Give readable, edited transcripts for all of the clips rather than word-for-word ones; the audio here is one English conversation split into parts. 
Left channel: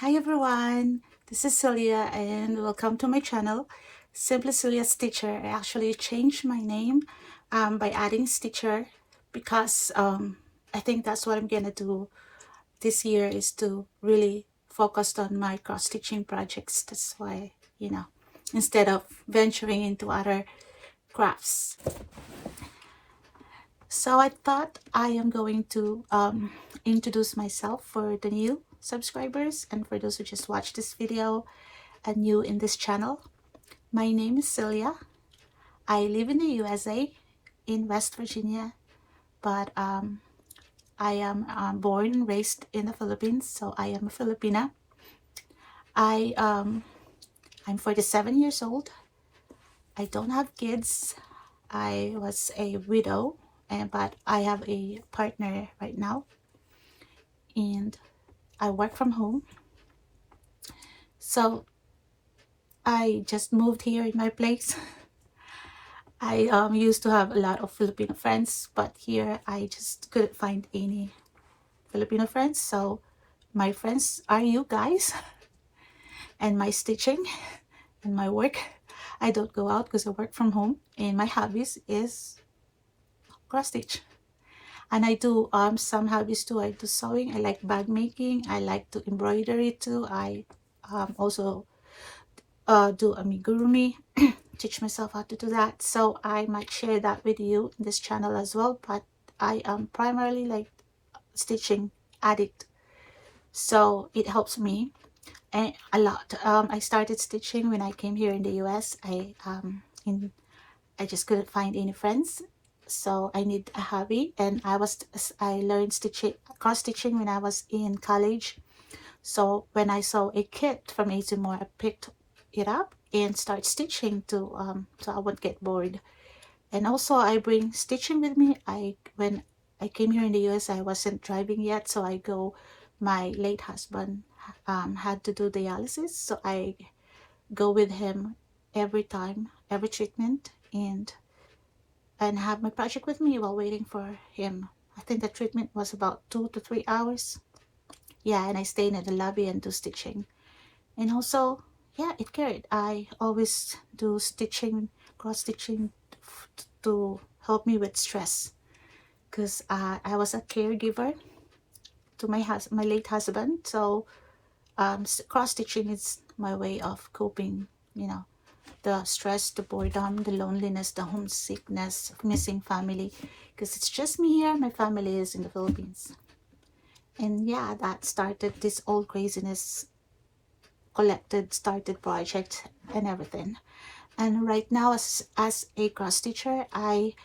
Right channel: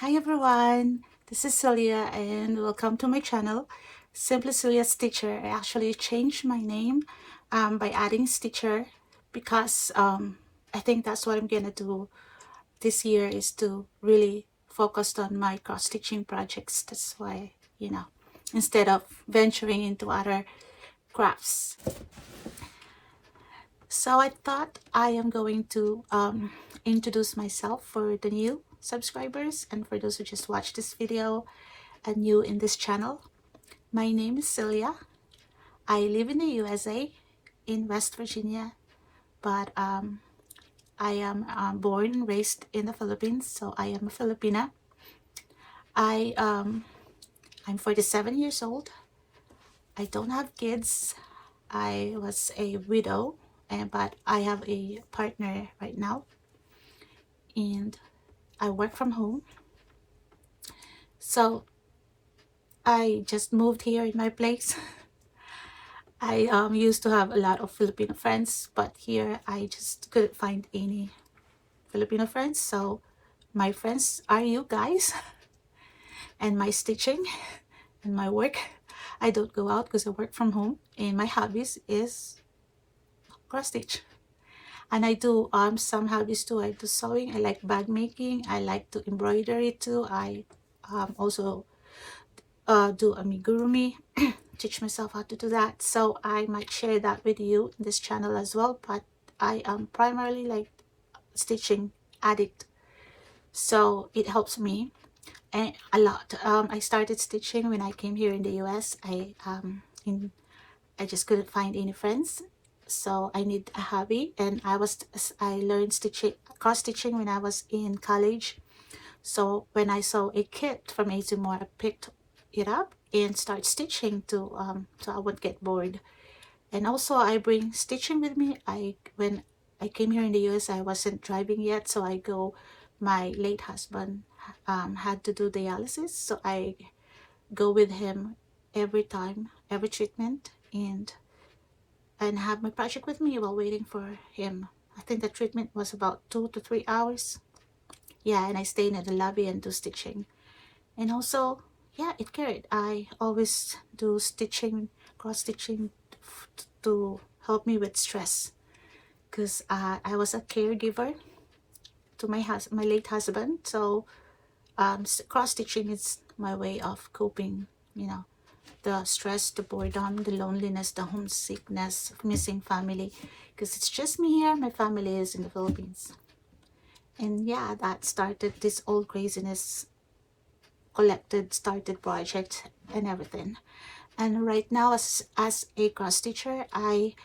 Hi everyone, this is Celia and welcome to my channel, Simply Celia Stitcher. I actually changed my name by adding Stitcher because I think that's what I'm gonna do this year, is to really focus on my cross stitching projects. That's why, instead of venturing into other crafts. So I thought I am going to introduce myself for the new subscribers and for those who just watched this video and new in this channel. My name is Celia. I live in the USA, in West Virginia, but I am born and raised in the Philippines, so I am a Filipina. I'm 47 years old. I don't have kids. I was a widow, but I have a partner right now, and I work from home. So I just moved here in my place. I used to have a lot of Filipino friends, but here I just couldn't find any Filipino friends. So my friends are you guys and my stitching and my work. I don't go out because I work from home, and my hobbies is cross stitch. And I do some hobbies too. I do sewing, I like bag making, I like to embroidery too. I also do amigurumi, teach myself how to do that. So I might share that with you in this channel as well, but I am primarily like stitching addict, so it helps me a lot. I started stitching when I came here in the US. I just couldn't find any friends, so I need a hobby, and I learned stitching, cross stitching, when I was in college. So when I saw a kit from Azimor, I picked it up and start stitching to so I won't get bored. And also I bring stitching with me. When I came here in the US, I wasn't driving yet, so my late husband had to do dialysis, so I go with him every time, every treatment, and have my project with me while waiting for him. I think the treatment was about 2 to 3 hours. Yeah, and I stay in the lobby and do stitching. And also, yeah, it carried. I always do stitching, cross stitching, to help me with stress, because I was a caregiver to my late husband. So cross stitching is my way of coping, the stress, the boredom, the loneliness, the homesickness, missing family, because it's just me here. My family is in the Philippines. And yeah, that started this old craziness, started project and everything. And right now, as a cross stitcher, I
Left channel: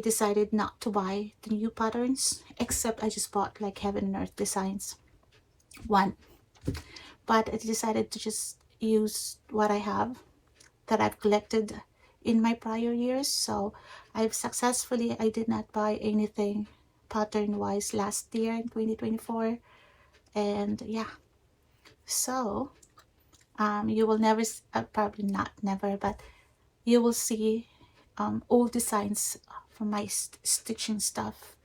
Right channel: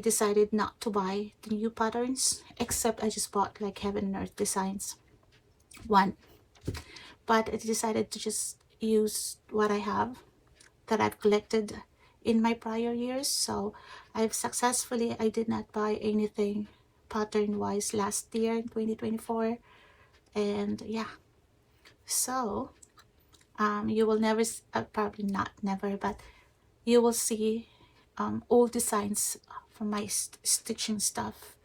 decided not to buy the new patterns, except I just bought like Heaven and Earth Designs one. But I decided to just use what I have that I've collected in my prior years. So I did not buy anything pattern wise last year in 2024. And yeah, so you will never, probably not never, but you will see old designs from my stitching stuff.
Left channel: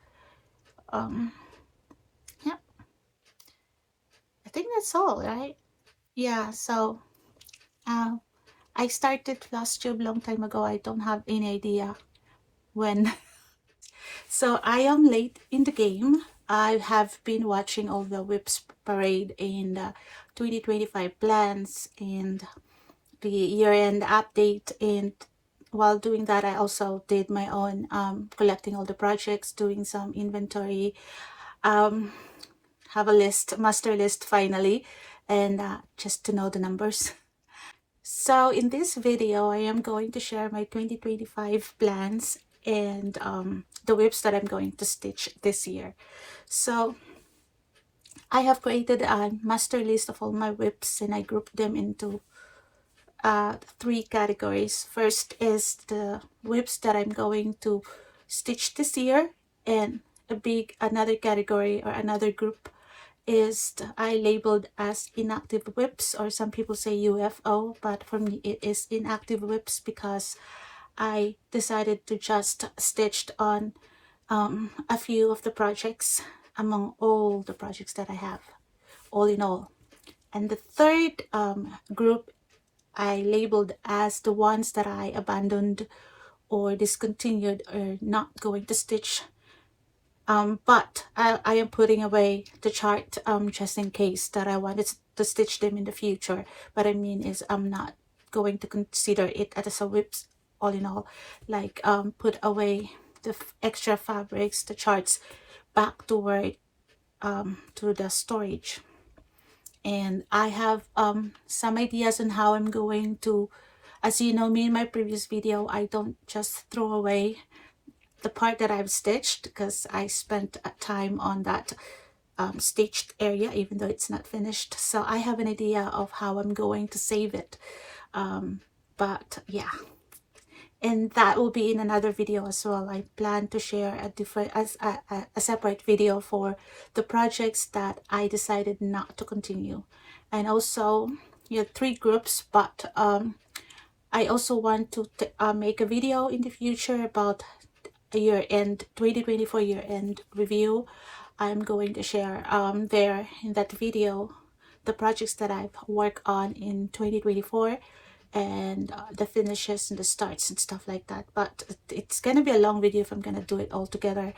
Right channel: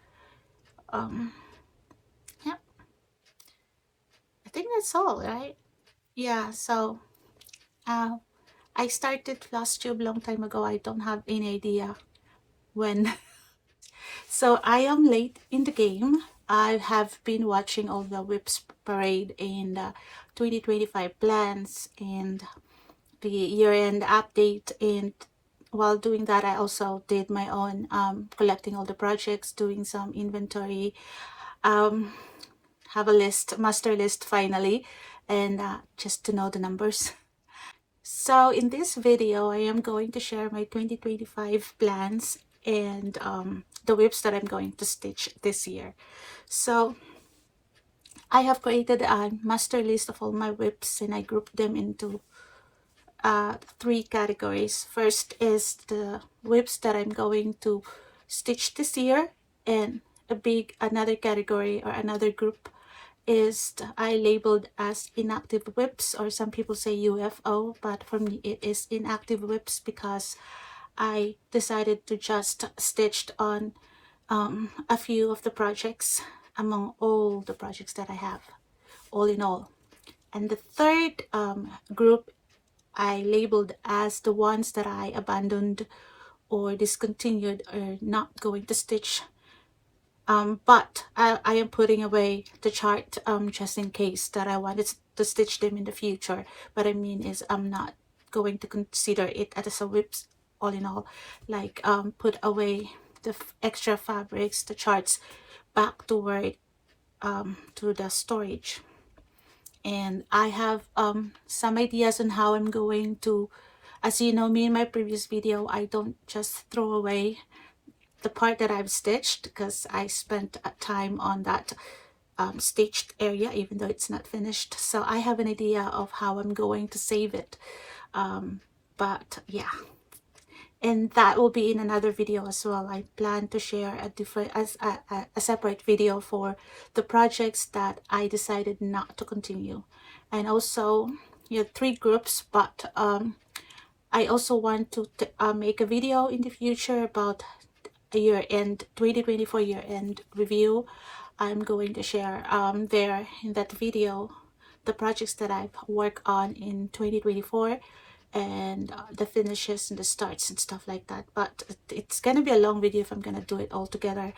Yeah, I think that's all, right? Yeah, so uh, I started Flosstube long time ago. I don't have any idea when. So I am late in the game. I have been watching all the WIPS parade and 2025 plans and the year-end update, and while doing that I also did my own collecting all the projects, doing some inventory, have a list, master list finally, and just to know the numbers. So in this video, I am going to share my 2025 plans and the whips that I'm going to stitch this year. So I have created a master list of all my whips, and I grouped them into 3 categories. First is the whips that I'm going to stitch this year, and another category or another group is I labeled as inactive whips, or some people say UFO, but for me it is inactive whips because I decided to just stitch on a few of the projects among all the projects that I have, all in all. And the third group I labeled as the ones that I abandoned or discontinued or not going to stitch. But I am putting away the chart just in case that I wanted to stitch them in the future. What I mean is I'm not going to consider it as a WIPS all in all. Like put away the extra fabrics, the charts back toward to the storage. And I have some ideas on how I'm going to, as you know me in my previous video, I don't just throw away the part that I've stitched because I spent time on that stitched area even though it's not finished. So I have an idea of how I'm going to save it. But yeah, and that will be in another video as well. I plan to share a different a separate video for the projects that I decided not to continue. And also, yeah, 3 groups, but I also want to make a video in the future about the year-end 2024 year-end review. I'm going to share there in that video the projects that I've worked on in 2024 and the finishes and the starts and stuff like that. But it's gonna be a long video if I'm gonna do it all together,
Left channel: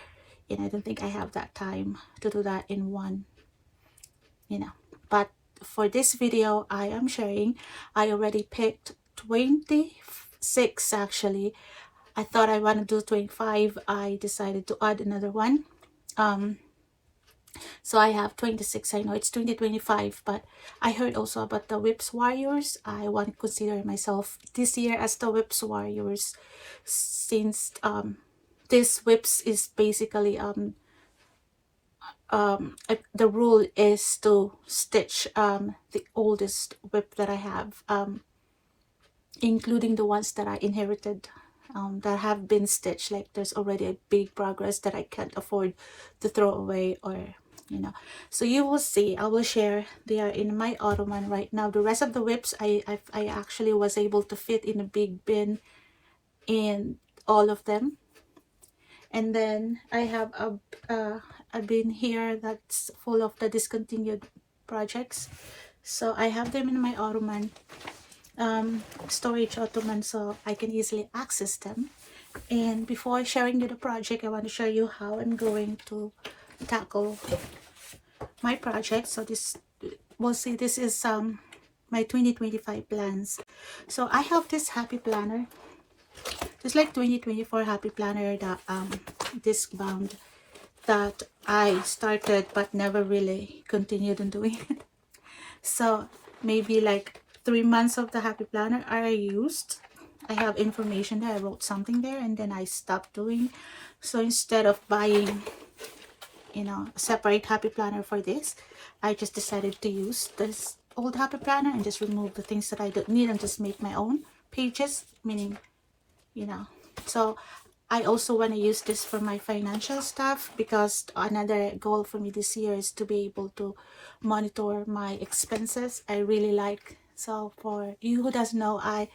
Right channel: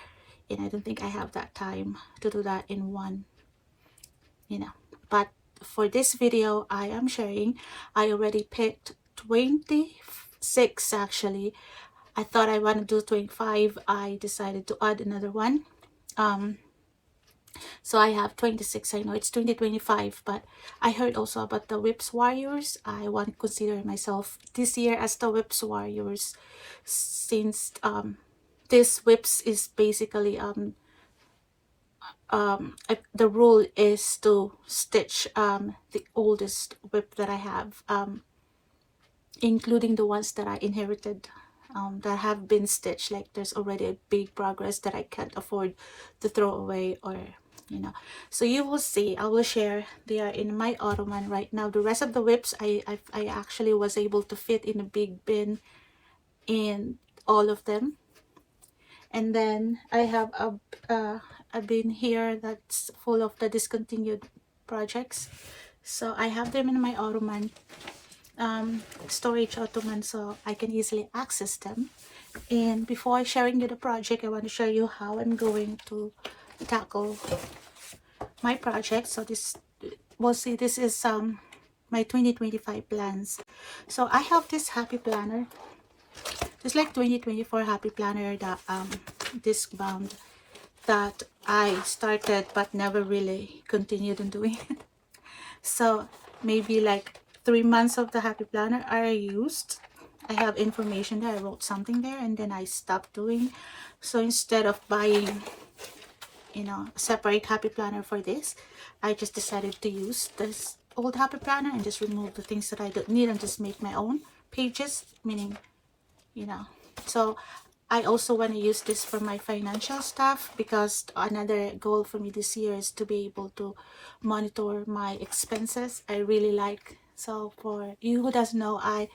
and I don't think I have that time to do that in one, you know. But for this video I am sharing, I already picked 26 actually. I thought I want to do 25. I decided to add another one. So I have 26. I know it's 2025, but I heard also about the WIPS Warriors. I want to consider myself this year as the WIPS Warriors, since this WIPS is basically the rule is to stitch the oldest WIP that I have, including the ones that I inherited, that have been stitched. Like there's already a big progress that I can't afford to throw away, or you know. So you will see, I will share. They are in my ottoman right now. The rest of the WIPs I actually was able to fit in a big bin in all of them. And then I have a bin here that's full of the discontinued projects. So I have them in my ottoman, storage ottoman, so I can easily access them. And before sharing you the project, I want to show you how I'm going to tackle my project. So this, we'll say this is my 2025 plans. So I have this happy planner, just like 2024 happy planner, that disc bound, that I started but never really continued in doing it. So maybe like 3 months of the happy planner are used. I have information there, I wrote something there, and then I stopped doing. So instead of buying, you know, a separate happy planner for this, I just decided to use this old happy planner and just remove the things that I don't need and just make my own pages, meaning, you know. So I also want to use this for my financial stuff, because another goal for me this year is to be able to monitor my expenses. I really like, so for you who doesn't know, I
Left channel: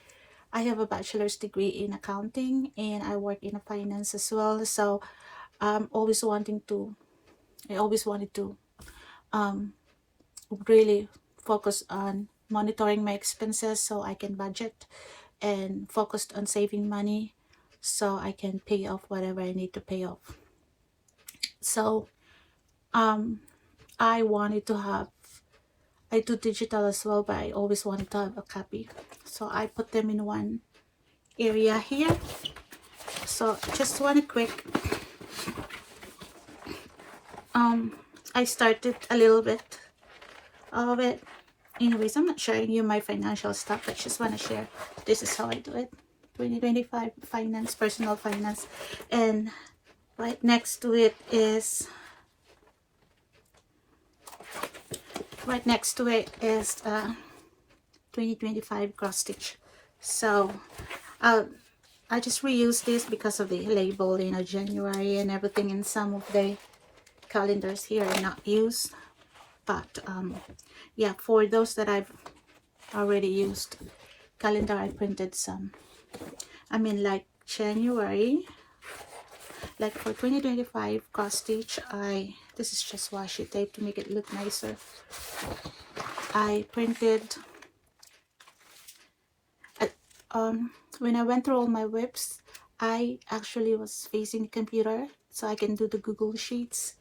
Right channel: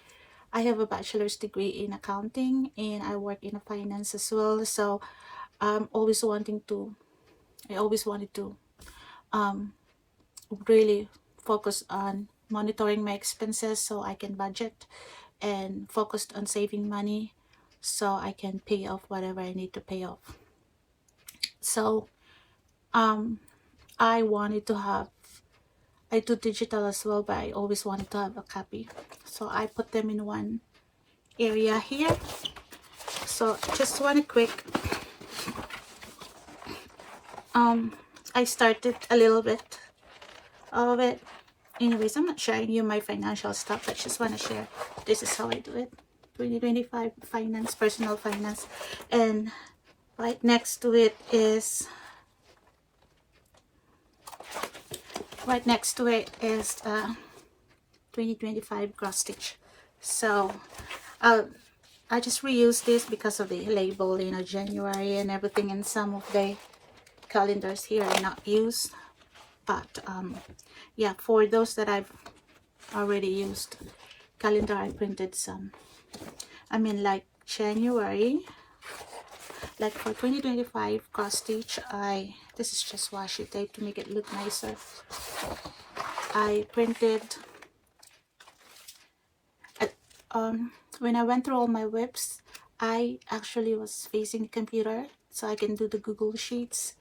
have a bachelor's degree in accounting and I work in a finance as well. So I always wanted to really focus on monitoring my expenses so I can budget, and focused on saving money so I can pay off whatever I need to pay off. So I wanted to have, I do digital as well, but I always wanted to have a copy, so I put them in one area here. So just one quick, I started a little bit of it. Anyways, I'm not sharing you my financial stuff. I just want to share this is how I do it. 2025 finance, personal finance. And right next to it is 2025 cross stitch. So I just reuse this because of the label, you know, January and everything, and some of the calendars here are not used. But yeah, for those that I've already used calendar, I printed some. I mean, like January, like for 2025 cross stitch, this is just washi tape to make it look nicer. I printed at, when I went through all my WIPS, I actually was facing the computer so I can do the Google Sheets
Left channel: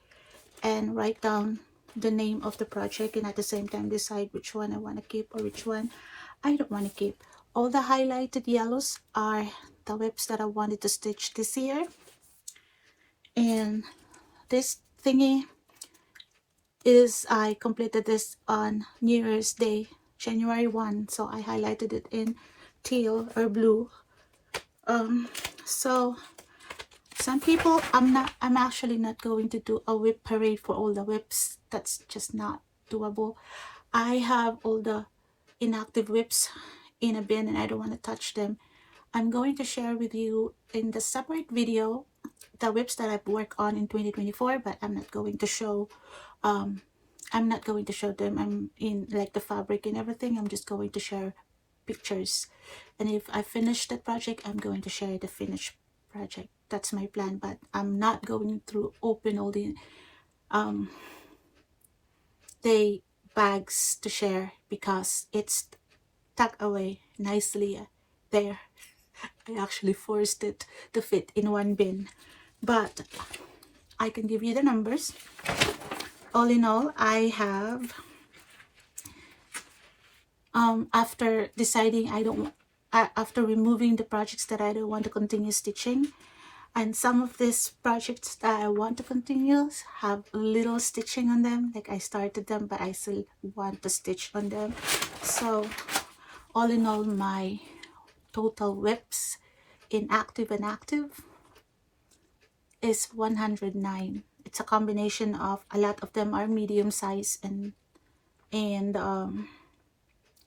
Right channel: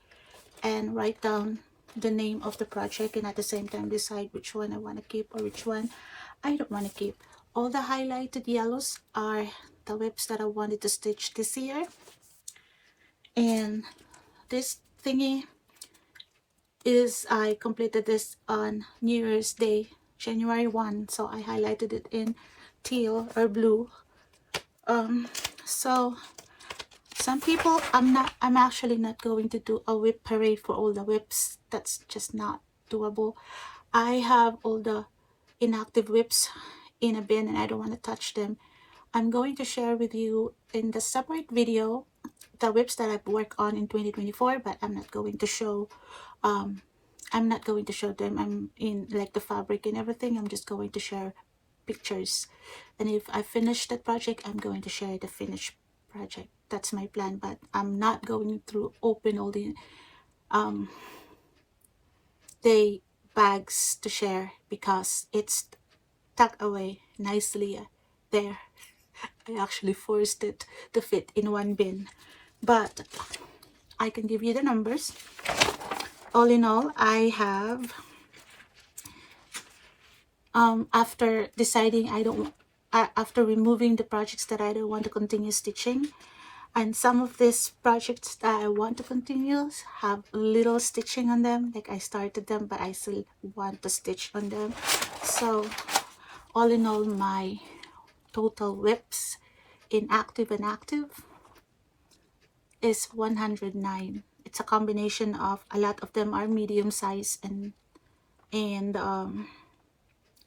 and write down the name of the project, and at the same time decide which one I want to keep or which one I don't want to keep. All the highlighted yellows are the WIPs that I wanted to stitch this year, and this thingy is I completed this on New Year's Day, January 1, so I highlighted it in teal or blue. So some people, I'm actually not going to do a WIP parade for all the WIPs. That's just not doable. I have all the inactive WIPs in a bin and I don't want to touch them. I'm going to share with you in the separate video the WIPs that I've worked on in 2024, but I'm not going to show them. I'm in like the fabric and everything. I'm just going to share pictures, and if I finish that project, I'm going to share the finished project. That's my plan, but I'm not going to open all the bags to share because it's tucked away nicely there. I actually forced it to fit in one bin, but I can give you the numbers. All in all, I have after deciding after removing the projects that I don't want to continue stitching, and some of these projects that I want to continue have little stitching on them, like I started them but I still want to stitch on them. So all in all, my total WIPs in active and active is 109. It's a combination of, a lot of them are medium size and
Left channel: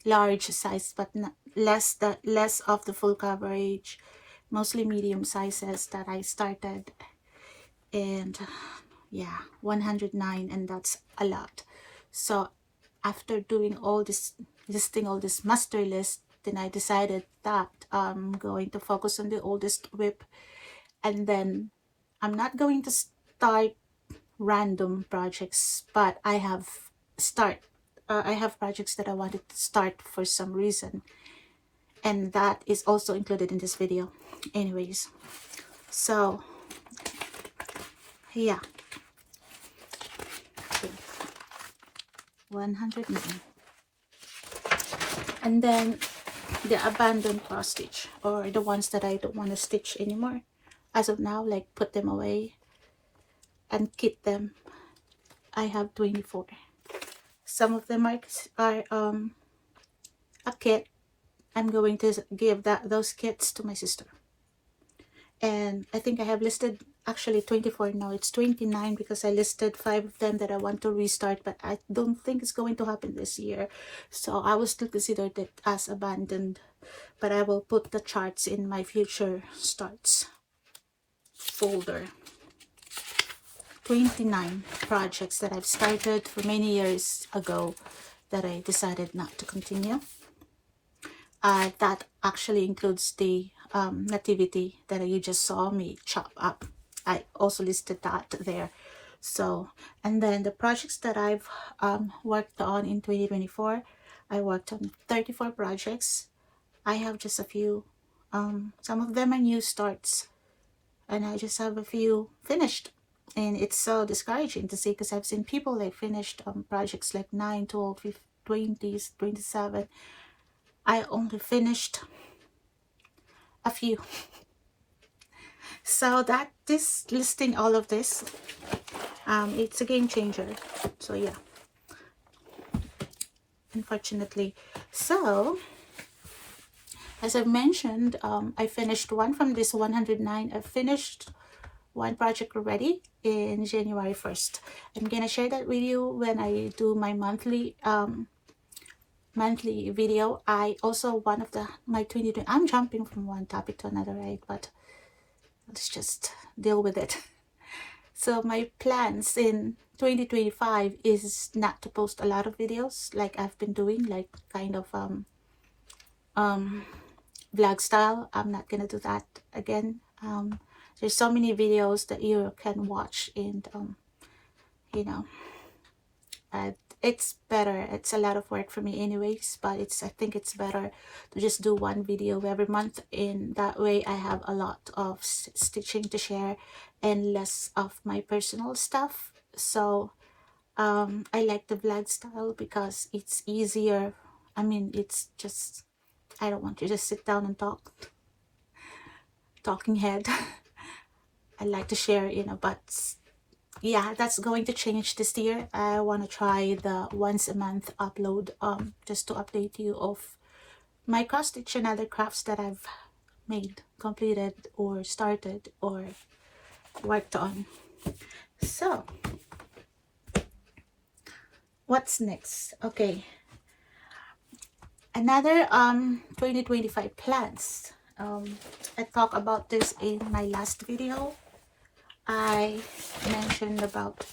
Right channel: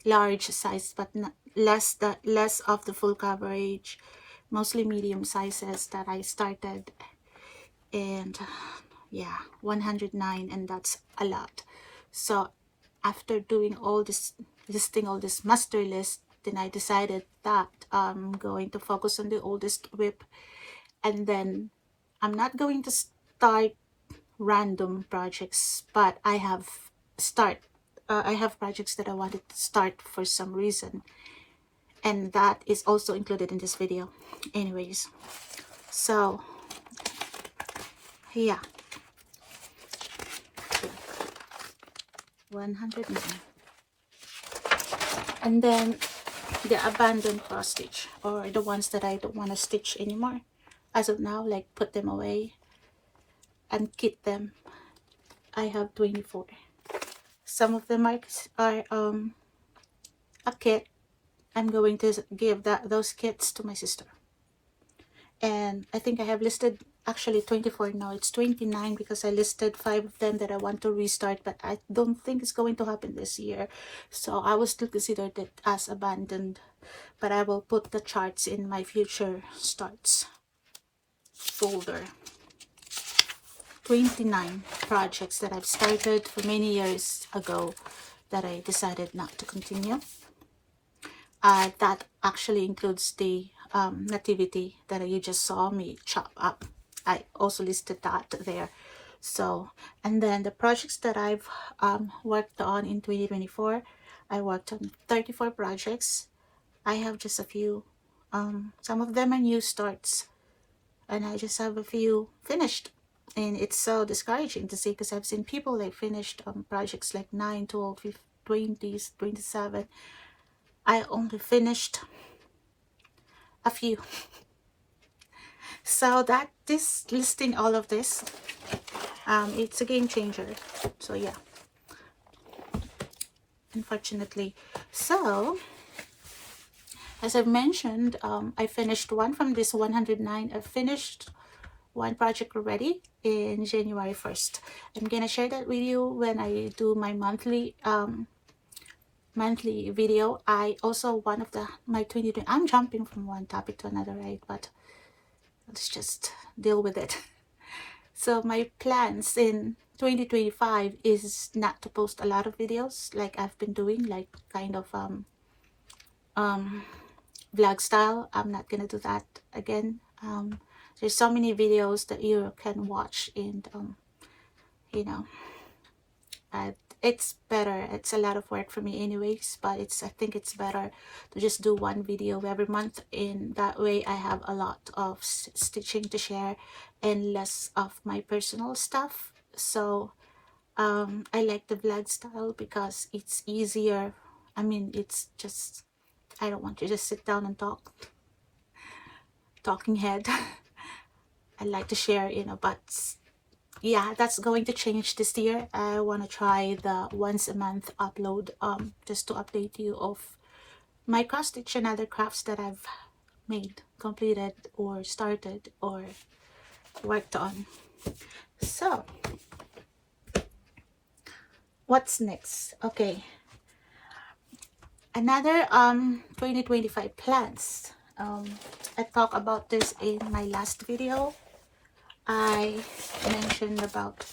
large size, but less of the full coverage, mostly medium sizes that I started. And yeah, 109, and that's a lot. So after doing all this, listing all this master list, then I decided that I'm going to focus on the oldest WIP, and then I'm not going to start random projects, but I have projects that I wanted to start for some reason, and that is also included in this video. Anyways, so yeah, 109. And then the abandoned cross stitch, or the ones that I don't want to stitch anymore as of now, like put them away and kit them, I have 24. Some of them are a kit. I'm going to give those kits to my sister, and I think I have listed actually 24. Now it's 29 because I listed 5 of them that I want to restart, but I don't think it's going to happen this year, so I will still consider it as abandoned, but I will put the charts in my future starts folder. 29 projects that I've started for many years ago that I decided not to continue. That actually includes the nativity that you just saw me chop up. I also listed that there. So, and then the projects that I've worked on in 2024, I worked on 34 projects. I have just a few. Some of them are new starts, and I just have a few finished. And it's so discouraging to see, because I've seen people like finished projects like 9, 12, 15, 20, 27. I only finished a few. So that this listing all of this, it's a game changer. So yeah, unfortunately. So as I've mentioned, I finished one from this 109. I finished one project already in January 1st. I'm gonna share that with you when I do my monthly video. I also, one of my 2020, I'm jumping from one topic to another, right? But let's just deal with it. So my plans in 2025 is not to post a lot of videos like I've been doing, like kind of vlog style. I'm not gonna do that again. There's so many videos that you can watch, and you know, it's better. It's a lot of work for me anyways, but I think it's better to just do one video every month. In that way I have a lot of stitching to share and less of my personal stuff. So I like the vlog style because it's easier. I mean, it's just, I don't want you to just sit down and talking head. I like to share, you know, but yeah, that's going to change this year. I want to try the once a month upload, just to update you of my cross stitch and other crafts that I've made, completed, or started, or worked on. So what's next? Okay, another 2025 plans. I talked about this in my last video. I mentioned about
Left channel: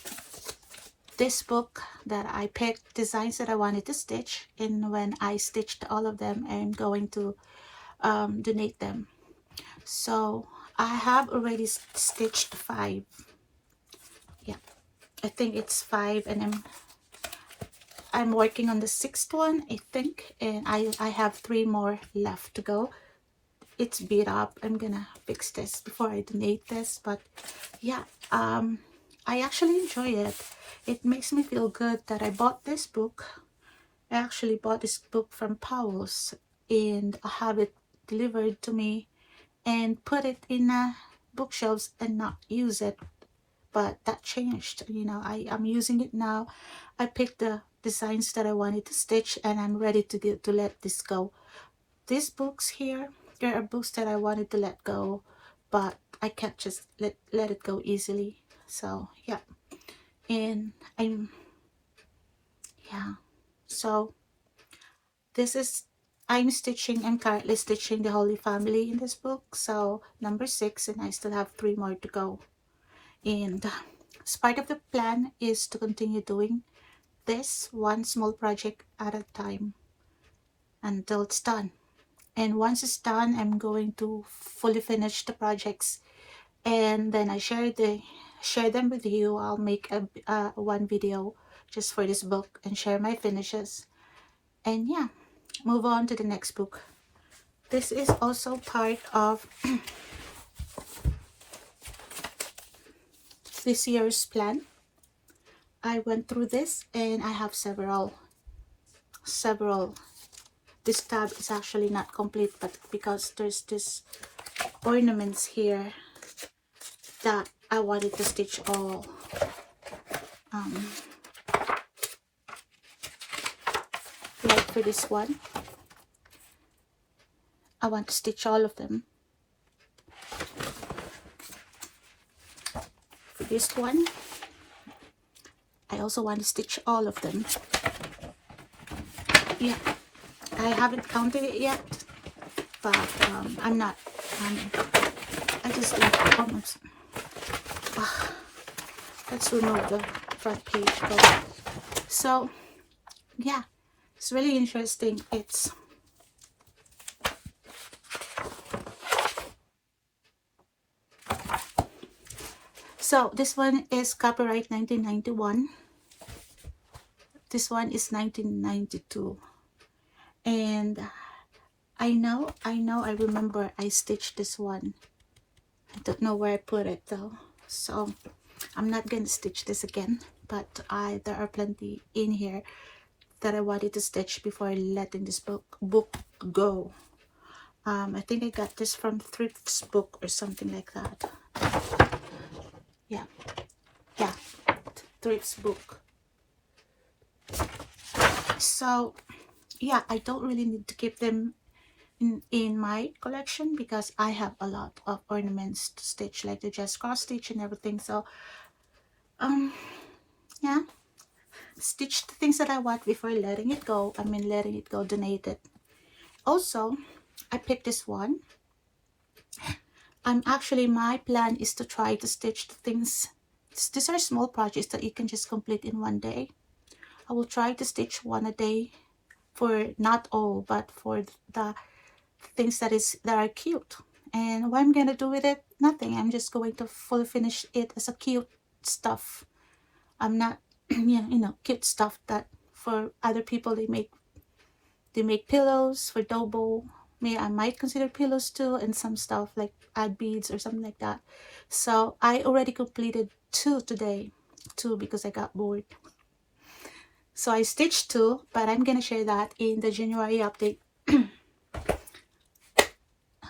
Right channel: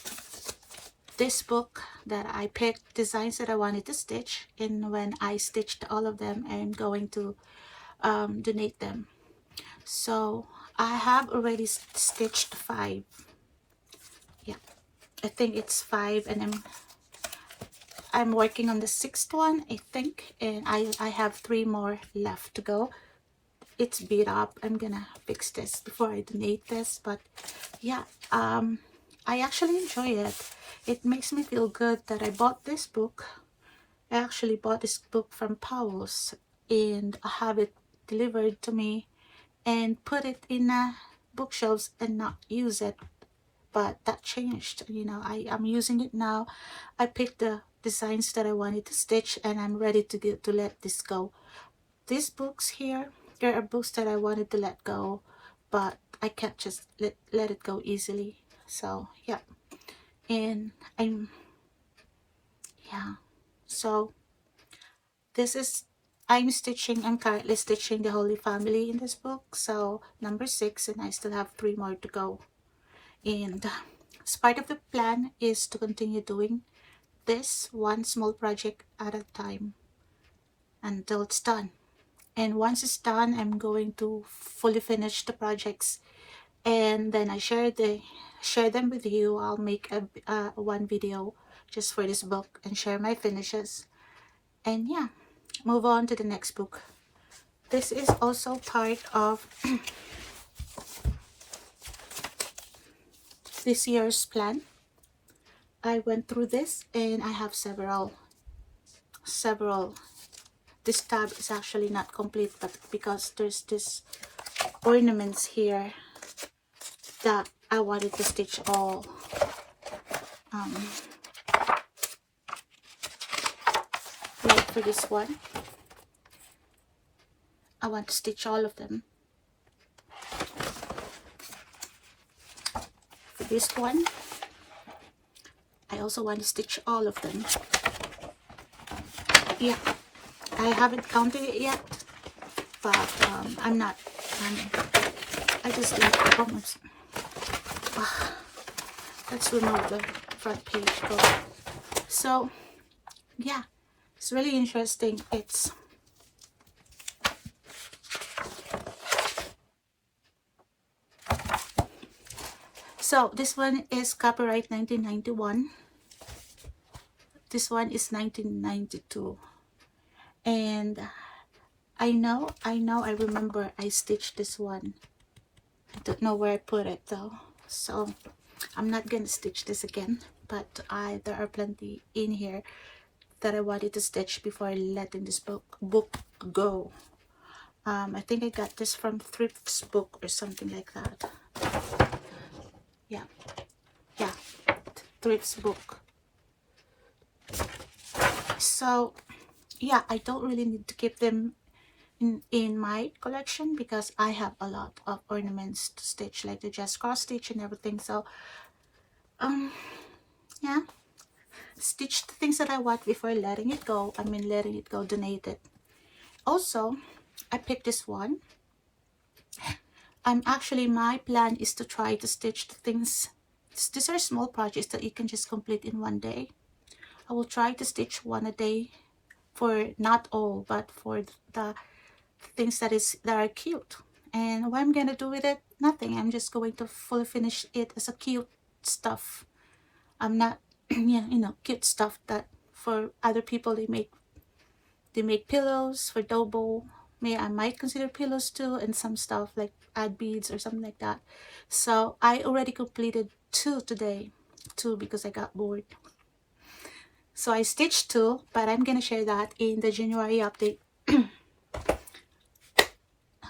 this book that I picked designs that I wanted to stitch, and when I stitched all of them, I'm going to donate them. So I have already stitched 5. Yeah, I think it's 5, and I'm working on the 6th one, I think, and I have 3 more left to go. It's beat up. I'm gonna fix this before I donate this. But yeah, I actually enjoy it. It makes me feel good that I bought this book. I actually bought this book from Powell's and I have it delivered to me and put it in bookshelves and not use it. But that changed, you know. I'm using it now. I picked the designs that I wanted to stitch, and I'm ready to let this go. These books here, there are books that I wanted to let go, but I can't just let it go easily. So yeah, and so this is, I'm currently stitching the Holy Family in this book, so number 6, and I still have 3 more to go. And as part of the plan is to continue doing this one small project at a time until it's done. And once it's done, I'm going to fully finish the projects, and then I share them with you. I'll make a one video just for this book and share my finishes, and yeah, move on to the next book. This is also part of this year's plan. I went through this and I have several. This tab is actually not complete, but because there's this ornaments here that I wanted to stitch all. Like for this one, I want to stitch all of them. For this one, I also want to stitch all of them. Yeah, I haven't counted it yet, but I'm not. I just did almost. Let's remove the front page cover. So yeah, it's really interesting. It's so this one is copyright 1991. This one is 1992, and I remember I stitched this one. I don't know where I put it though, so I'm not gonna stitch this again, but there are plenty in here that I wanted to stitch before letting this book go. I think I got this from Thrift's book or something like that. Yeah, Thrift's book. So yeah, I don't really need to keep them in my collection because I have a lot of ornaments to stitch, like the just cross stitch and everything. So yeah, stitch the things that I want before letting it go. Donate it. Also, I picked this one. Actually, my plan is to try to stitch the things. These are small projects that you can just complete in one day. I will try to stitch one a day, for not all, but for the things that are cute. And what I'm gonna do with it, nothing. I'm just going to fully finish it as a cute stuff. I'm not yeah, you know, cute stuff that for other people they make pillows for Dobo. I might consider pillows too, and some stuff like add beads or something like that. So I already completed two today, two because I got bored. So I stitched two, but I'm gonna share that in the January update.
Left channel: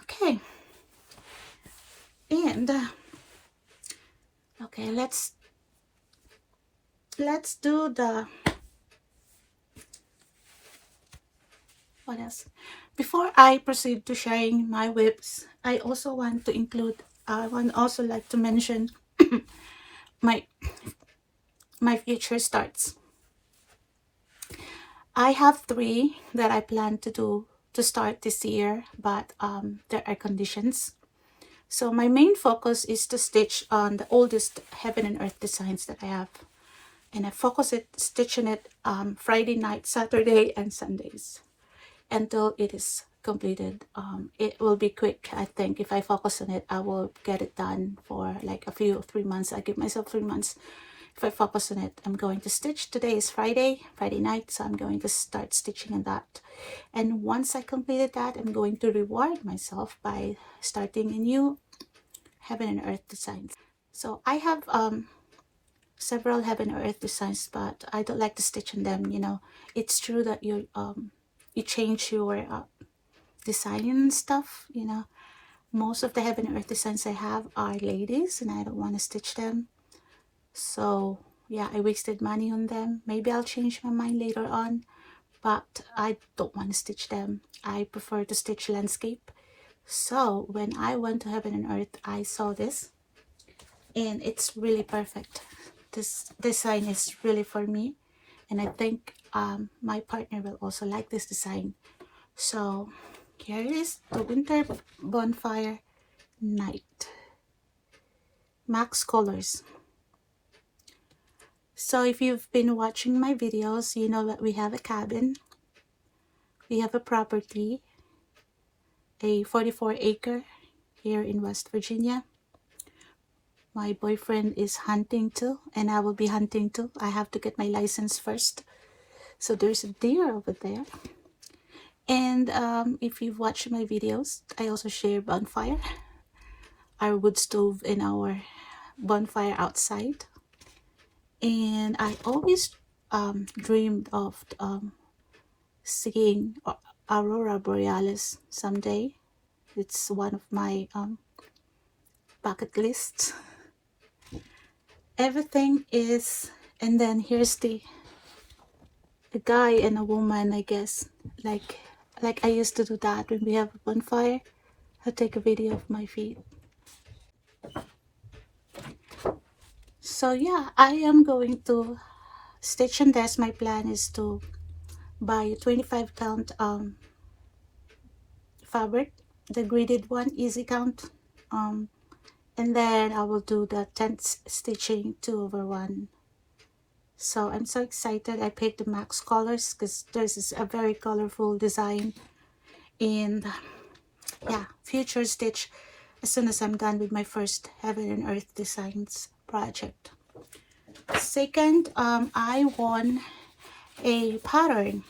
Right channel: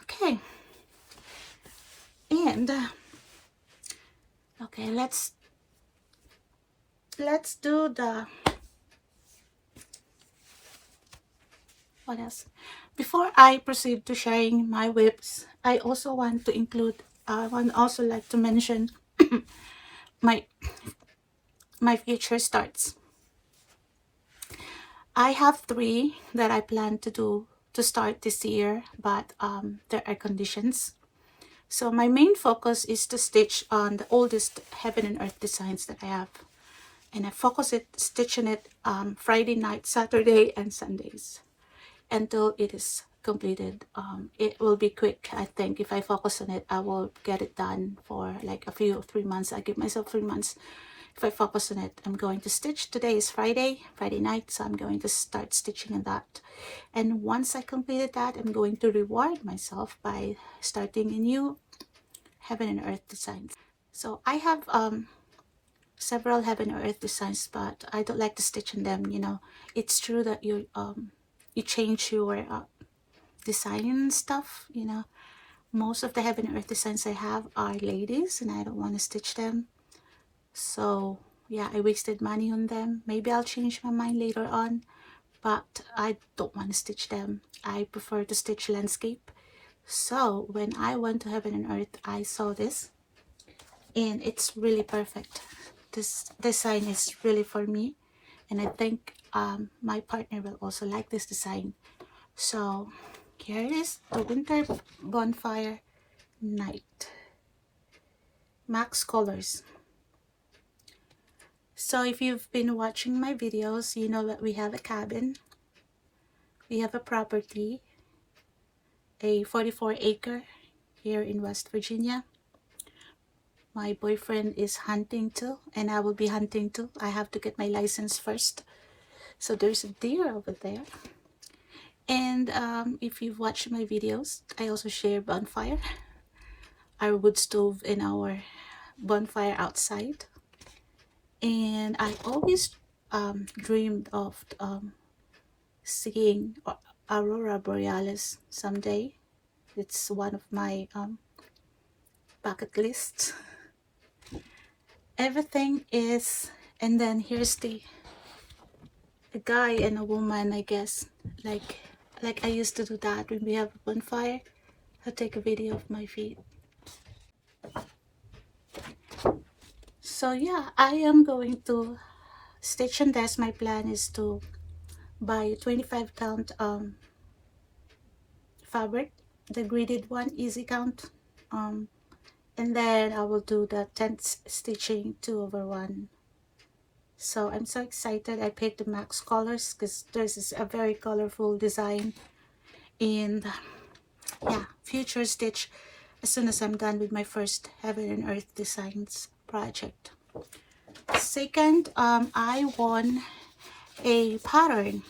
Okay, and okay, let's do the what else. Before I proceed to sharing my WIPS, I also want to include. I want also like to mention my future starts. I have three that I plan to do to start this year, but there are conditions. So my main focus is to stitch on the oldest heaven and earth designs that I have, and I focus it stitching it Friday night, Saturday, and Sundays until it is completed. It will be quick. I think if I focus on it, I will get it done for like a few 3 months. I give myself 3 months. If I focus on it, I'm going to stitch. Today is Friday night, so I'm going to start stitching on that. And once I completed that, I'm going to reward myself by starting a new heaven and earth designs. So I have several heaven and earth designs, but I don't like to stitch on them. You know, it's true that you change your design and stuff. You know, most of the heaven and earth designs I have are ladies, and I don't want to stitch them. So yeah, I wasted money on them. Maybe I'll change my mind later on, but I don't want to stitch them. I prefer to stitch landscape. So when I went to heaven and earth, I saw this, and it's really perfect. This design is really for me, and I think my partner will also like this design. So here it is, the winter bonfire night, max colors. So if you've been watching my videos, you know that we have a cabin, we have a property, a 44-acre here in West Virginia. My boyfriend is hunting too, and I will be hunting too. I have to get my license first. So there's a deer over there. And if you've watched my videos, I also share bonfire, our wood stove, and our bonfire outside. And I always dreamed of seeing aurora borealis someday. It's one of my bucket lists. Everything is, and then here's the guy and a woman, I guess, like I used to do that when we have a bonfire. I take a video of my feet. So yeah, I am going to stitch on this. My plan is to buy a 25 count fabric, the gridded one, easy count, and then I will do the 10th stitching 2/1. So I'm so excited. I picked the max colors because this is a very colorful design. And yeah, future stitch as soon as I'm done with my first heaven and earth designs project. Second, I won a pattern.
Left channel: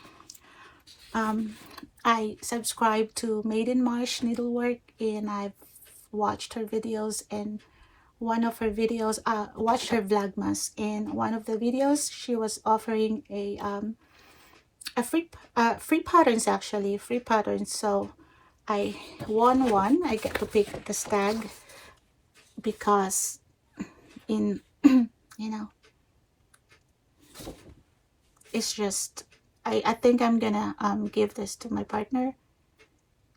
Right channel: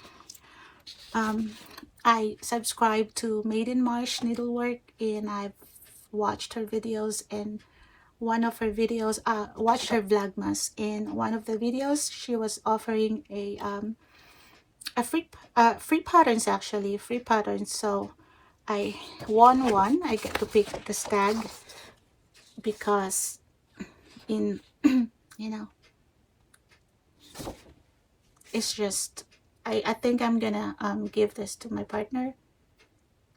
I subscribed to Maiden Marsh Needlework, and I've watched her videos, and one of her videos, watched her vlogmas. In one of the videos, she was offering a free patterns, actually free patterns. So I won one. I get to pick the stag because in you know, it's just I think I'm gonna give this to my partner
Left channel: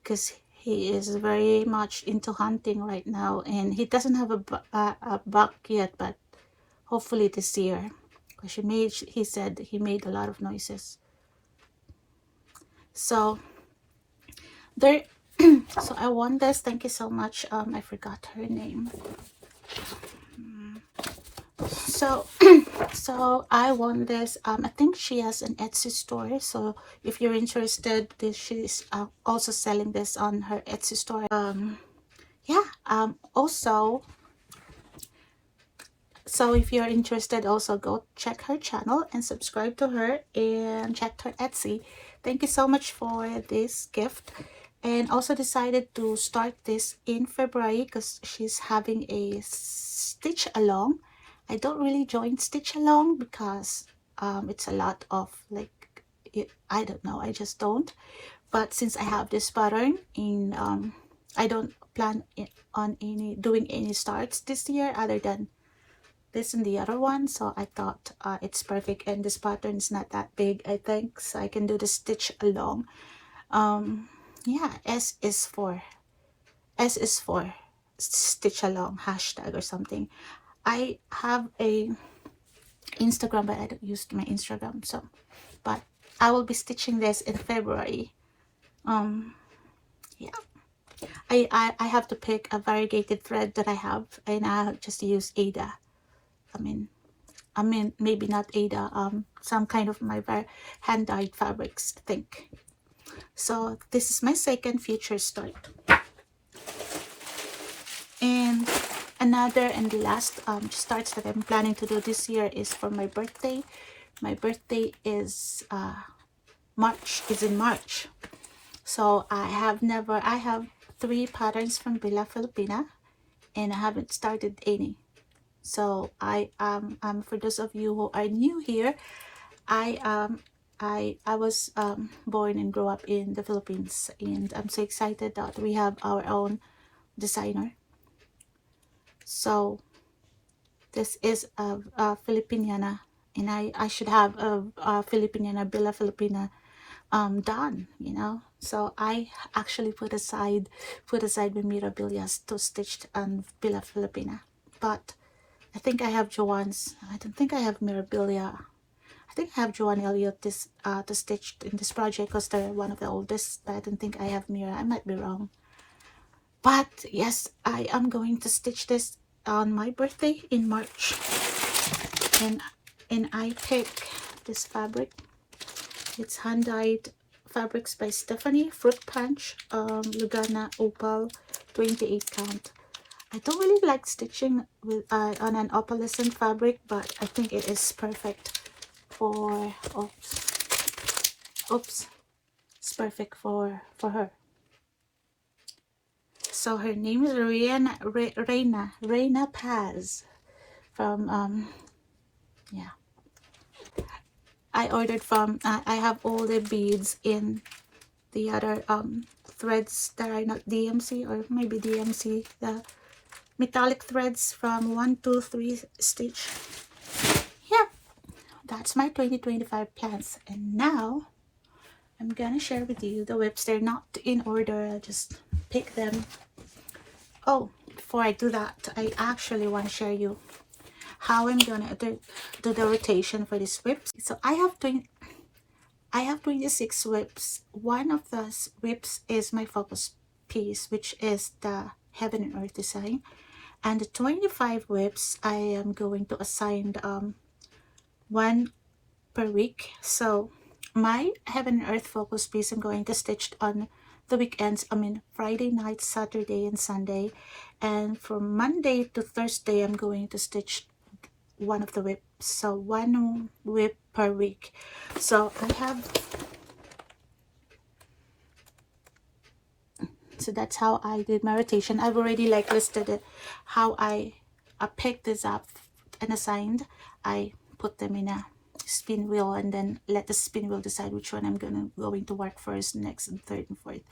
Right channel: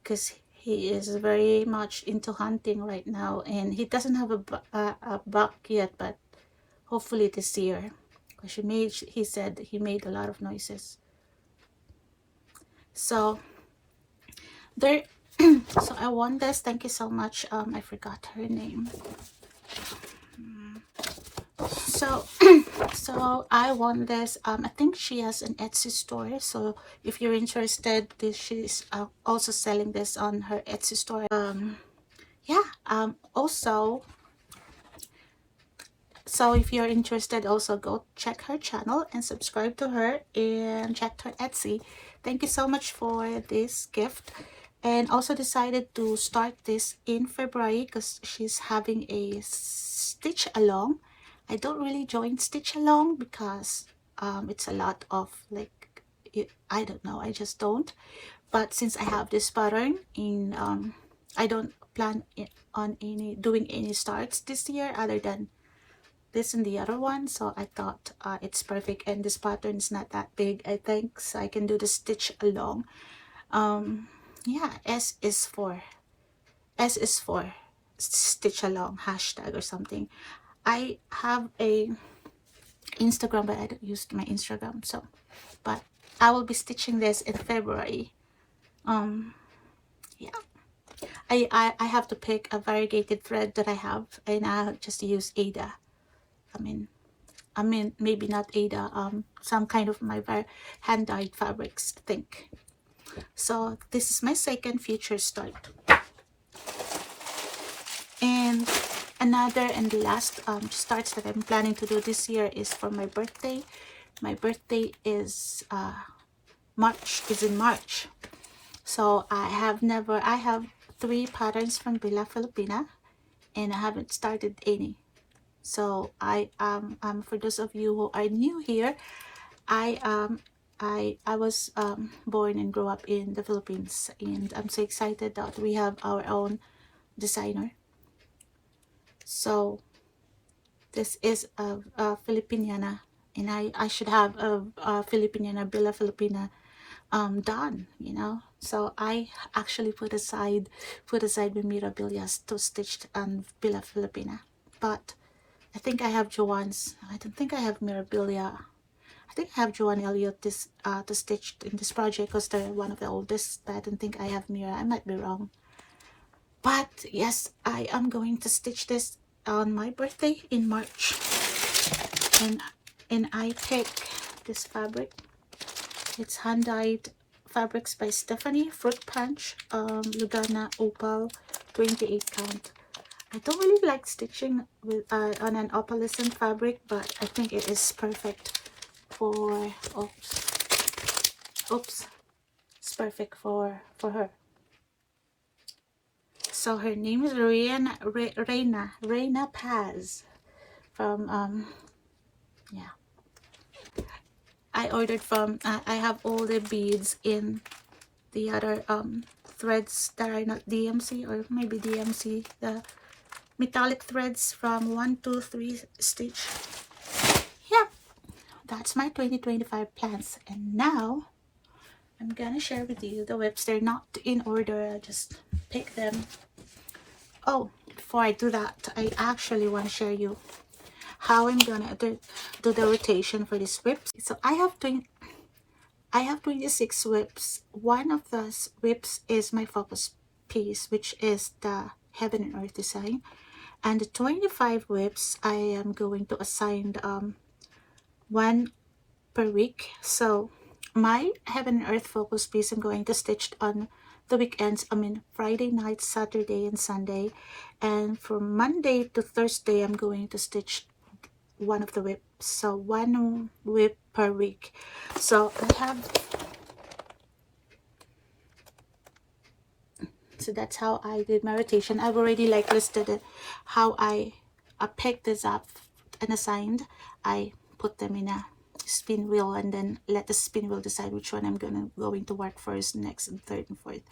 because he is very much into hunting right now, and he doesn't have a buck yet, but hopefully this year, because he said he made a lot of noises. So there so I won this. Thank you so much. I forgot her name. So so I won this. I think she has an Etsy store, so if you're interested, she's also selling this on her Etsy store. Yeah, also So if you're interested, also go check her channel and subscribe to her and check her Etsy. Thank you so much for this gift. And also decided to start this in February because she's having a stitch along. I don't really join stitch along because it's a lot of like, I don't know, I just don't. But since I have this pattern in I don't plan on doing any starts this year other than this and the other one, so I thought it's perfect, and this pattern is not that big, I think, so I can do the stitch along. Yeah, S is for stitch along hashtag or something. I have a Instagram, but I don't use my Instagram, so but I will be stitching this in February. Yeah, I have to pick a variegated thread that I have, and I just use Ada. I mean maybe not Ada, some kind of my hand-dyed fabrics, I think. So this is my second future start. And another and the last starts that I'm planning to do this year is for my birthday. My birthday is in March. So I have 3 patterns from Bella Filipina, and I haven't started any. So I for those of you who are new here, I was born and grew up in the Philippines, and I'm so excited that we have our own designer. So this is a Filipiniana, and I should have a Filipiniana Bella Filipina done, you know. So I actually put aside my Mirabilias to stitch Bella Filipina, but I think I have Joanne's. I don't think I have Mirabilia. I think I have Joanne Elliott this to stitch in this project because they're one of the oldest, but I don't think I have Mira. I might be wrong. But yes, I am going to stitch this on my birthday in March. And I pick this fabric. It's hand-dyed fabrics by Stephanie, Fruit Punch, Lugana Opal, 28 count. I don't really like stitching with on an opalescent fabric, but I think it is perfect for it's perfect for her. So her name is Reina Paz from yeah. I ordered from I have all the beads in the other threads that are not DMC, or maybe DMC, the metallic threads from 123 stitch. Yeah, that's my 2025 plans. And now I'm gonna share with you the WIPs. They're not in order, I just pick them. Oh, before I do that, I actually want to share you how I'm gonna do the rotation for these WIPs. So I have 26 WIPs. One of those WIPs is my focus piece, which is the Heaven and Earth design. And the 25 WIPs, I am going to assign one per week. So my Heaven and Earth focus piece, I'm going to stitch on the weekends. I mean Friday night, Saturday, and Sunday. And from Monday to Thursday, I'm going to stitch one of the WIPs. So one WIP per week. So I have, so that's how I did my rotation. I've already like listed it, how I picked this up and assigned. I put them in a spin wheel and then let the spin wheel decide which one I'm going to work first, next, and third, and fourth.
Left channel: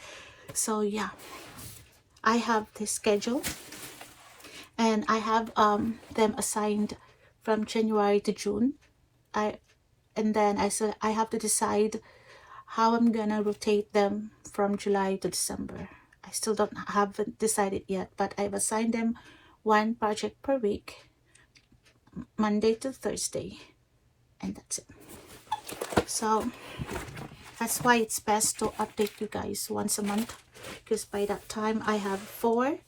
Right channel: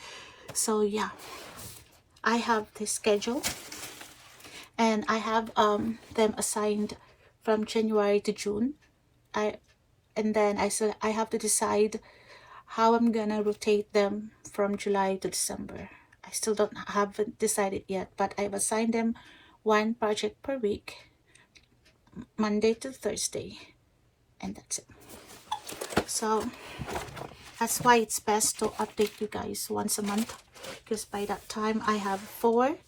So yeah, I have the schedule, and I have them assigned from January to June. And then I have to decide how I'm gonna rotate them from July to December. I still haven't decided yet, but I've assigned them one project per week, Monday to Thursday, and that's it. So that's why it's best to update you guys once a month, because by that time I have four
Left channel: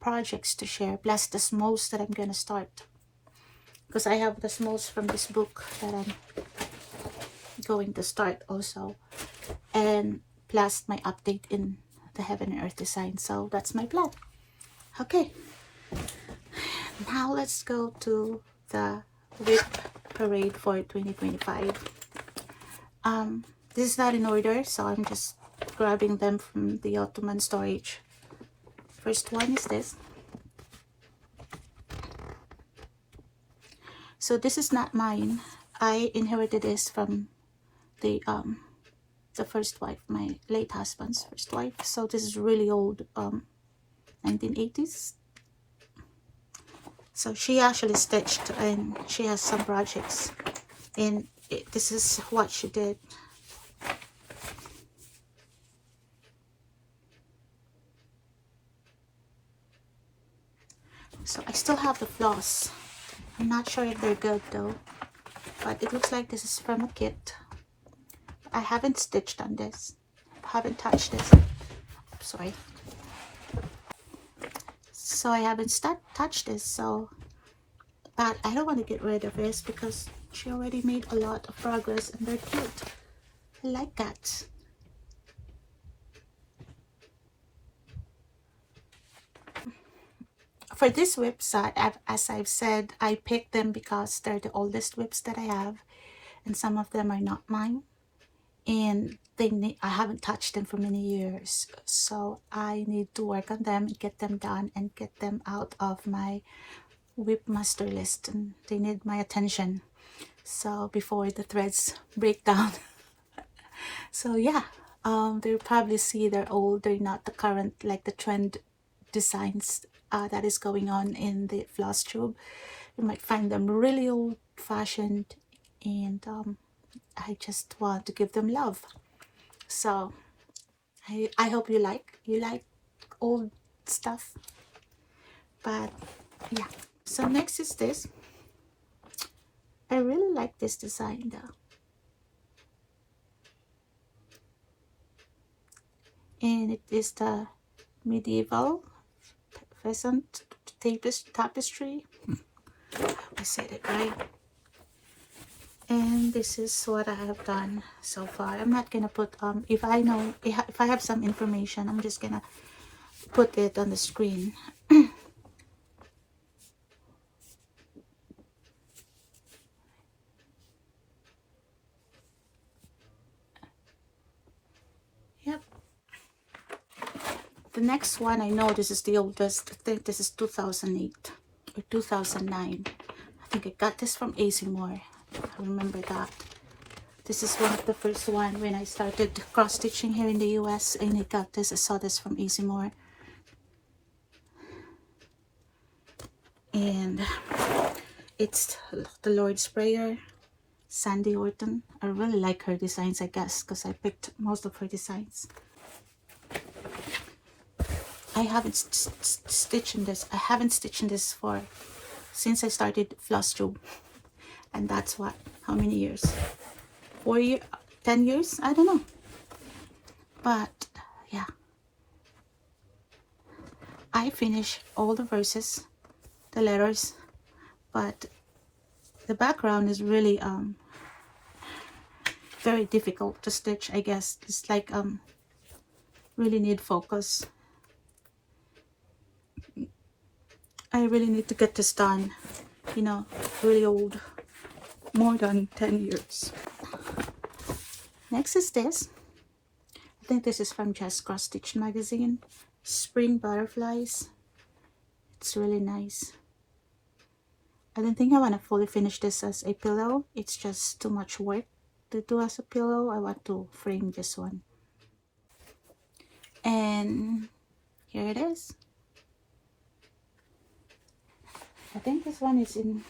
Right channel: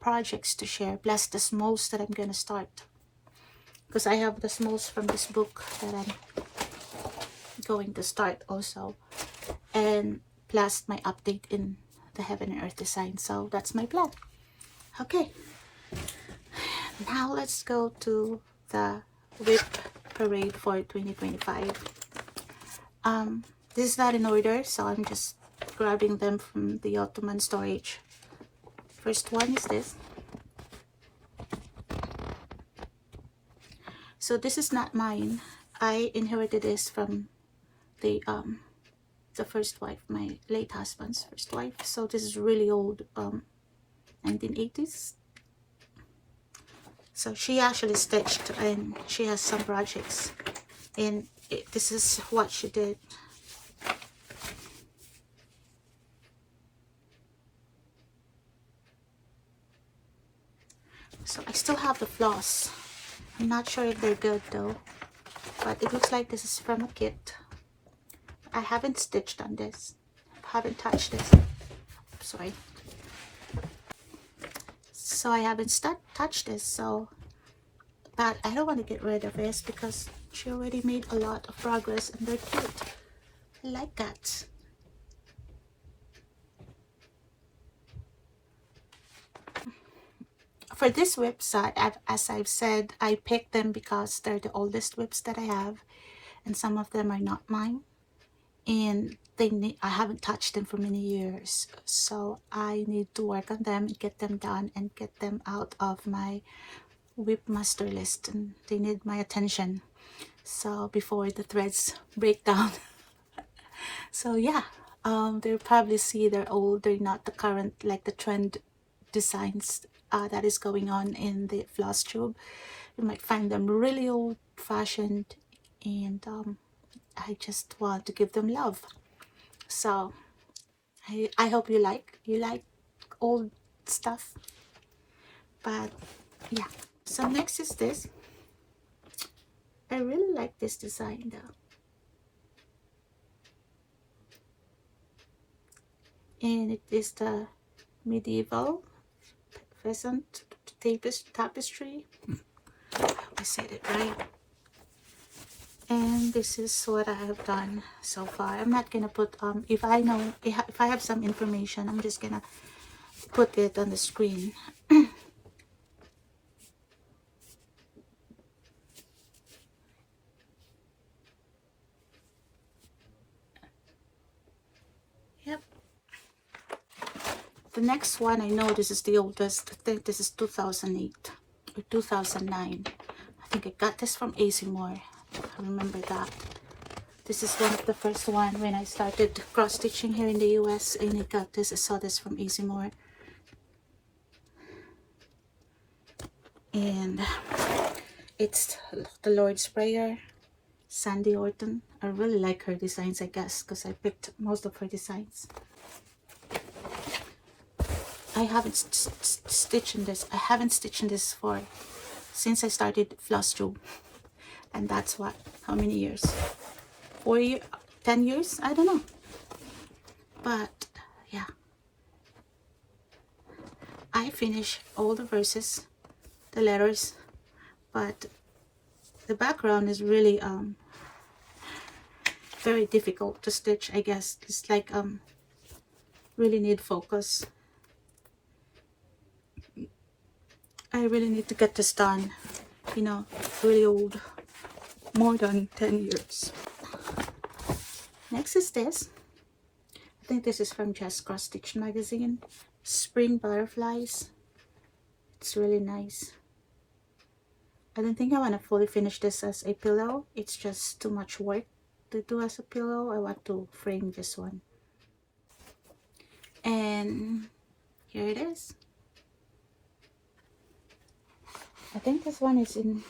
projects to share, plus the smalls that I'm gonna start, because I have the smalls from this book that I'm going to start also, and plus my update in the Heaven and Earth design. So that's my plan. Okay, Now let's go to the WIP parade for 2025. This is not in order, so I'm just grabbing them from the Ottoman storage. First one is this. So this is not mine. I inherited this from the first wife, my late husband's first wife. So this is really old, 1980s. So she actually stitched, and she has some projects, and this is what she did. So I still have the floss. I'm not sure if they're good though, but it looks like this is from a kit. I haven't stitched on this. I haven't touched this. Sorry. So I haven't touched this, so, but I don't want to get rid of this because she already made a lot of progress and they're cute. I like that. For this WIPS set, as I've said, I picked them because they're the oldest WIPS that I have, and some of them are not mine, and I haven't touched them for many years, so I need to work on them, get them done, and get them out of my WIP master list, and they need my attention, so before the threads break down. So yeah, they'll probably see they're old, they're not the current, like the trend designs that is going on in the Flosstube. You might find them really old fashioned, and I just want to give them love. So I hope you like old stuff. But yeah, so next is this. I really like this design though, and it is the medieval pheasant tapestry. I said it right. And this is what I have done so far. I'm not gonna put if I have some information, I'm just gonna put it on the screen. Yep. The next one, I know this is the oldest. I think this is 2008 or 2009. I think I got this from Azimore. I remember that. This is the first one when I started cross stitching here in the US, and I got this. I saw this from Azimore. And it's the Lord's Prayer, Sandy Orton. I really like her designs, I guess, because I picked most of her designs. I haven't stitched in this. I haven't stitched in this since I started Flosstube, and that's what, how many years? 4 years, 10 years? I don't know. But yeah, I finished all the verses, the letters, but the background is really very difficult to stitch, I guess. It's like really need focus. I really need to get this done, you know, really old, more than 10 years. Next is this. I think this is from Just Cross Stitch magazine. Spring butterflies. It's really nice. I don't think I want to fully finish this as a pillow. It's just too much work to do as a pillow. I want to frame this one. And here it is. I think this one is in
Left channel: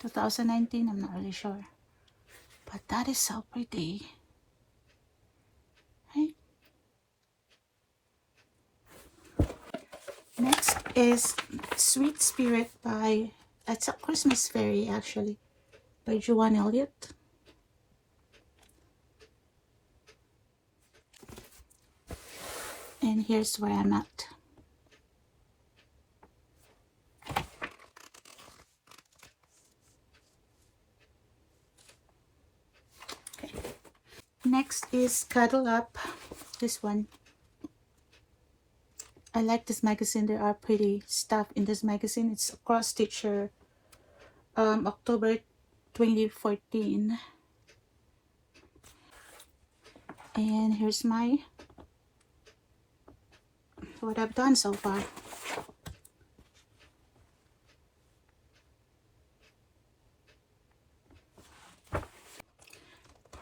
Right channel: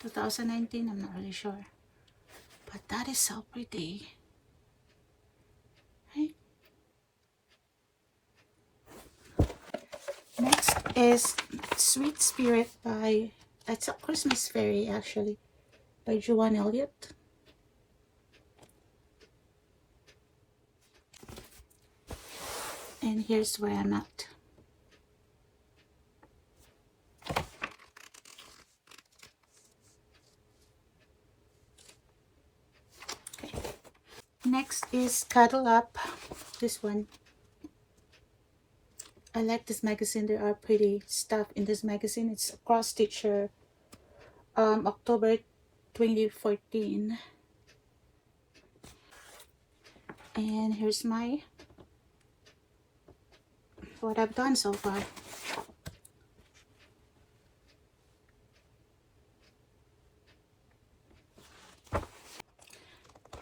2019. I'm not really sure. But that is so pretty. Right? Next is Sweet Spirit by, it's a Christmas Fairy actually, by Joanne Elliott. And here's where I'm at. Okay. Next is Cuddle Up, this one. I like this magazine. There are pretty stuff in this magazine. It's Cross Stitcher, October 2014. And here's my what I've done so far.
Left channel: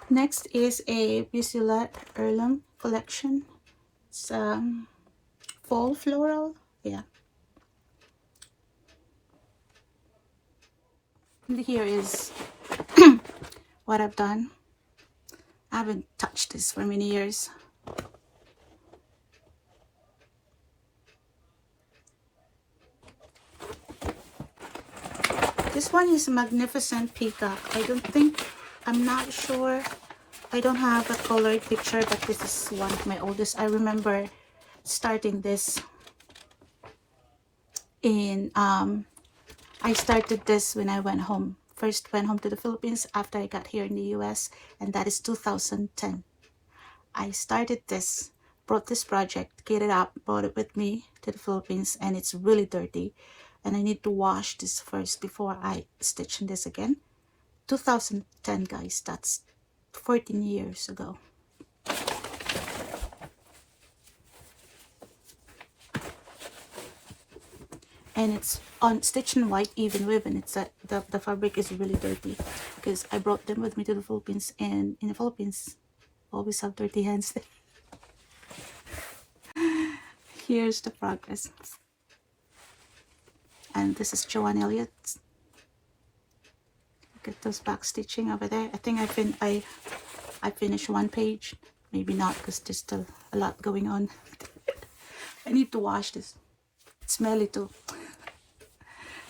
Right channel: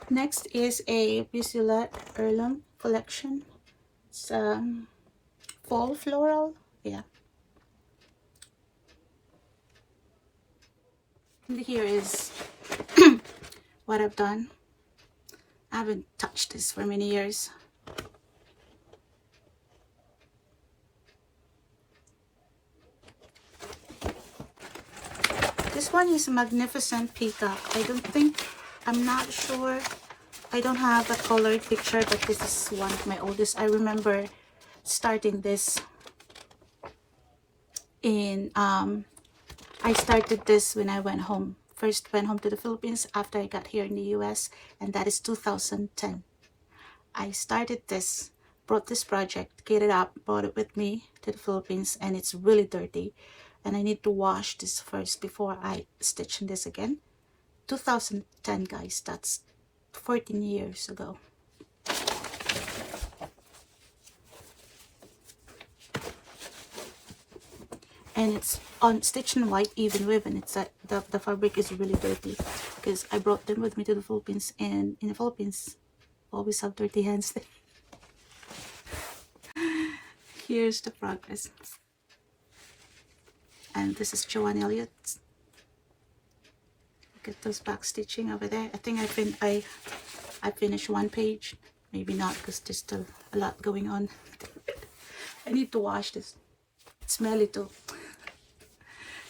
Next is a Busila Heirloom collection. It's fall floral, yeah. And here is what I've done. I haven't touched this for many years. This one is a Magnificent Peacock. I'm not sure. I don't have a colored picture, but this is one of my oldest. I remember starting this in, I started this when I went home. First went home to the Philippines after I got here in the US, and that is 2010. I started this, brought this project, get it up, brought it with me to the Philippines, and it's really dirty. And I need to wash this first before I stitch in this again. 2010, guys, that's 14 years ago. And it's on stitch in white even ribbon. It's the fabric is really dirty because I brought them with me to the Philippines, and in the Philippines always have dirty hands. Here's the progress. And this is Joanne Elliott. Look at those back stitching over there. I think I finished one page, maybe not because there's still a lot going on. I need to wash this. It's smelly too.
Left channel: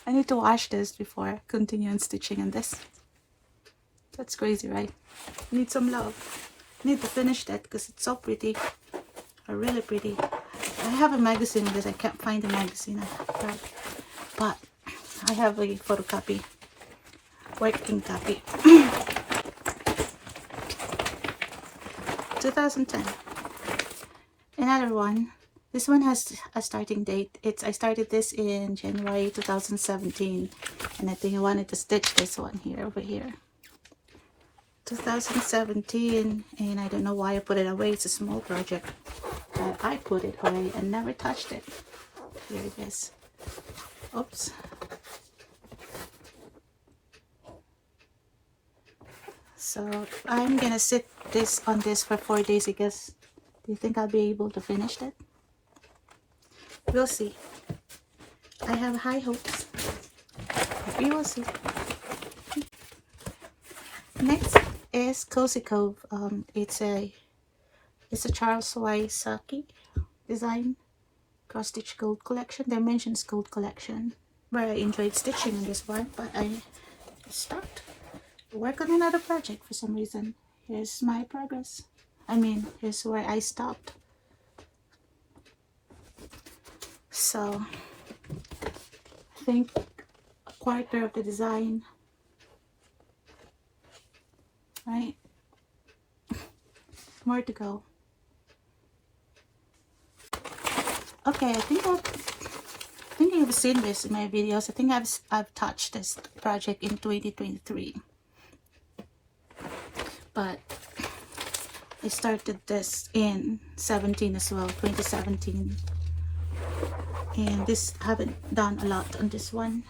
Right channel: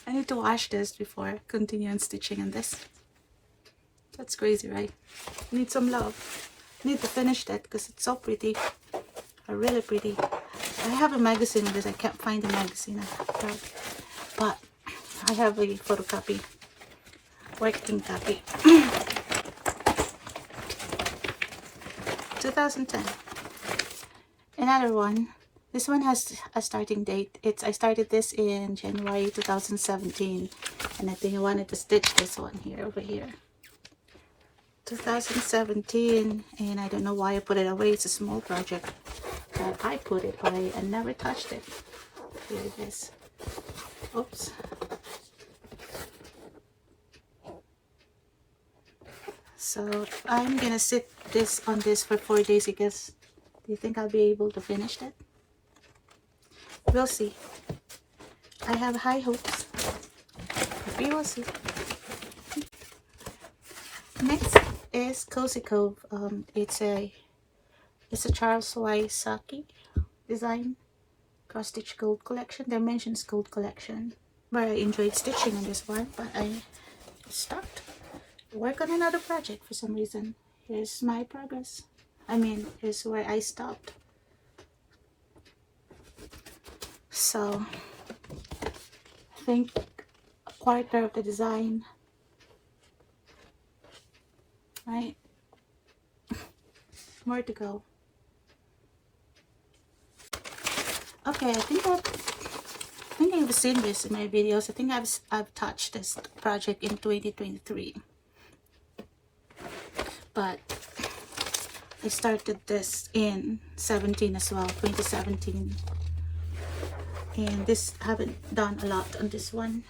I need to wash this before continuing stitching on this. That's crazy, right? I need some love. I need to finish that because it's so pretty. Really pretty. I have a magazine with this. I can't find the magazine. But I have a photocopy. Working copy. 2010. Another one. This one has a starting date. I started this in January 2017, and I think I wanted to stitch this one here over here. 2017, and I don't know why I put it away. It's a small project, but I put it away and never touched it. Here it is. Oops. So I'm gonna sit on this for 4 days, I guess. Do you think I'll be able to finish that? We'll see. I have high hopes. We will see. Next is Cozy Cove. It's a Charles Y. Saki design cross stitch gold collection. Dimensions gold collection. Where I enjoyed stitching on this one, but I stopped. Work on another project for some reason. Here's my progress. Here's where I stopped. So I think a quarter of the design, right? More to go. Okay, I think you've seen this in my videos. I think I've touched this project in 2023. But I started this in 17 as well, 2017. And this, I haven't done a lot on this one.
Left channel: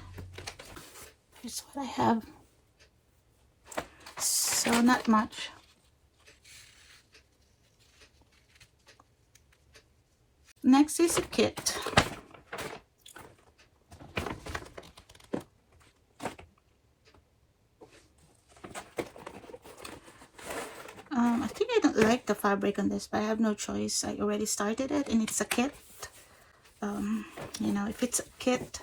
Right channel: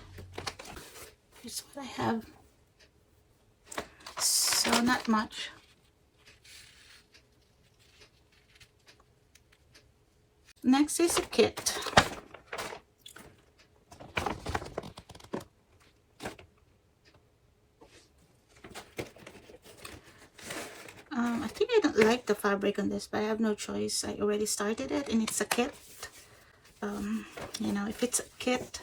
Here's what I have. So not much. Next is a kit. I think I don't like the fabric on this, but I have no choice. I already started it, and it's a kit. You know, if it's a kit,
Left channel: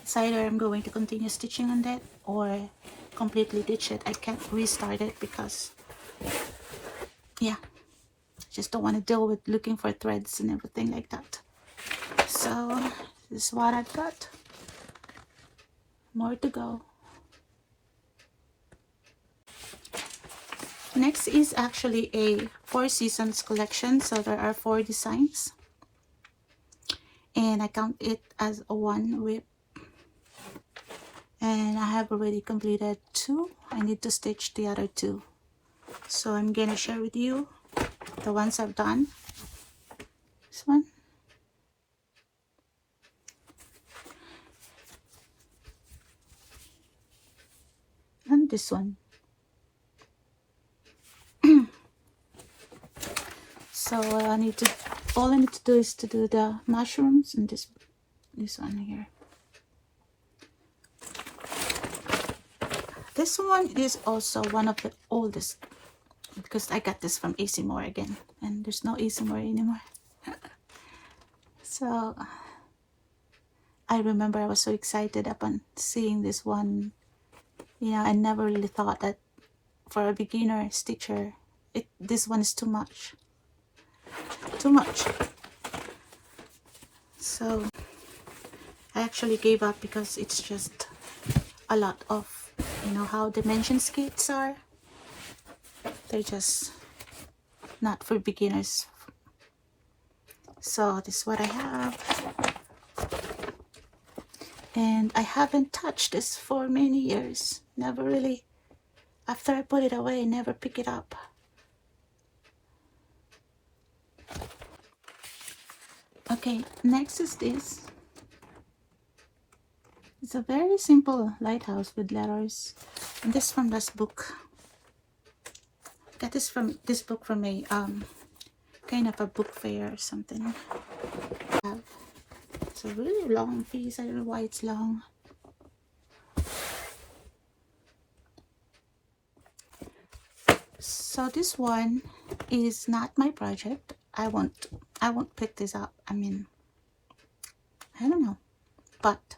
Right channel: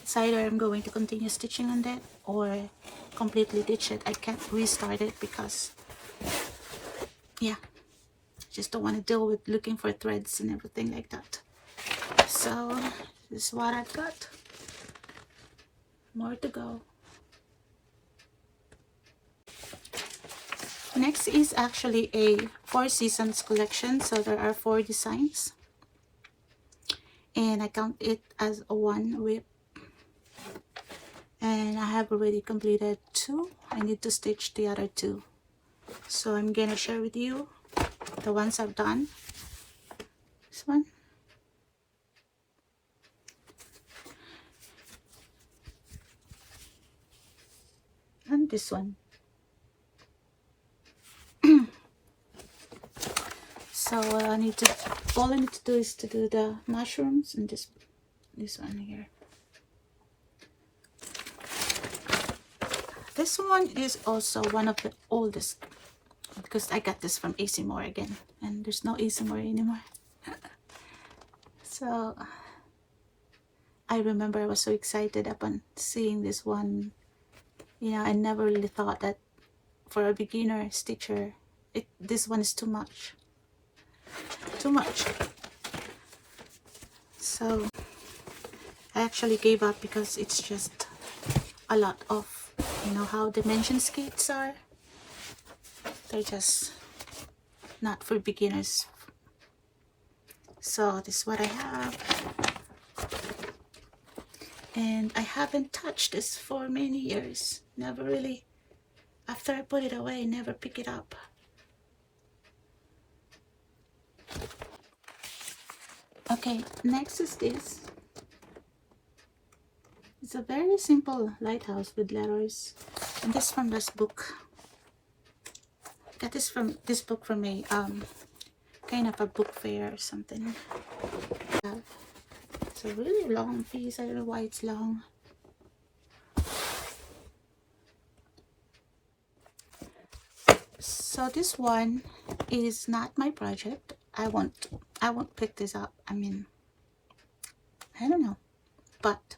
it's either I'm going to continue stitching on that or completely ditch it. I can't restart it because, yeah, I just don't want to deal with looking for threads and everything like that. So this is what I've got. More to go. Next is actually a 4 seasons collection. So there are 4 designs. and I count it as a one WIP, and I have already completed 2. I need to stitch the other 2, so I'm gonna share with you the ones I've done. This one, and this one. So all I need to do is to do the mushrooms and this one here. This one is also one of the oldest, because I got this from AC Moore again, and there's no AC Moore anymore. So I remember I was so excited upon seeing this one. You know, I never really thought that for a beginner stitcher, this one is too much. So I actually gave up because it's just a lot of, you know how dimension skates are. They're just not for beginners. So this is what I have, and I haven't touched this for many years. Never really. After I put it away, I never pick it up. Okay, next is this. It's a very simple lighthouse with letters. And this from this book. I got this book from a kind of a book fair or something. It's a really long piece. I don't know why it's long. So this one is not my project. I won't pick this up. I mean, I don't know, but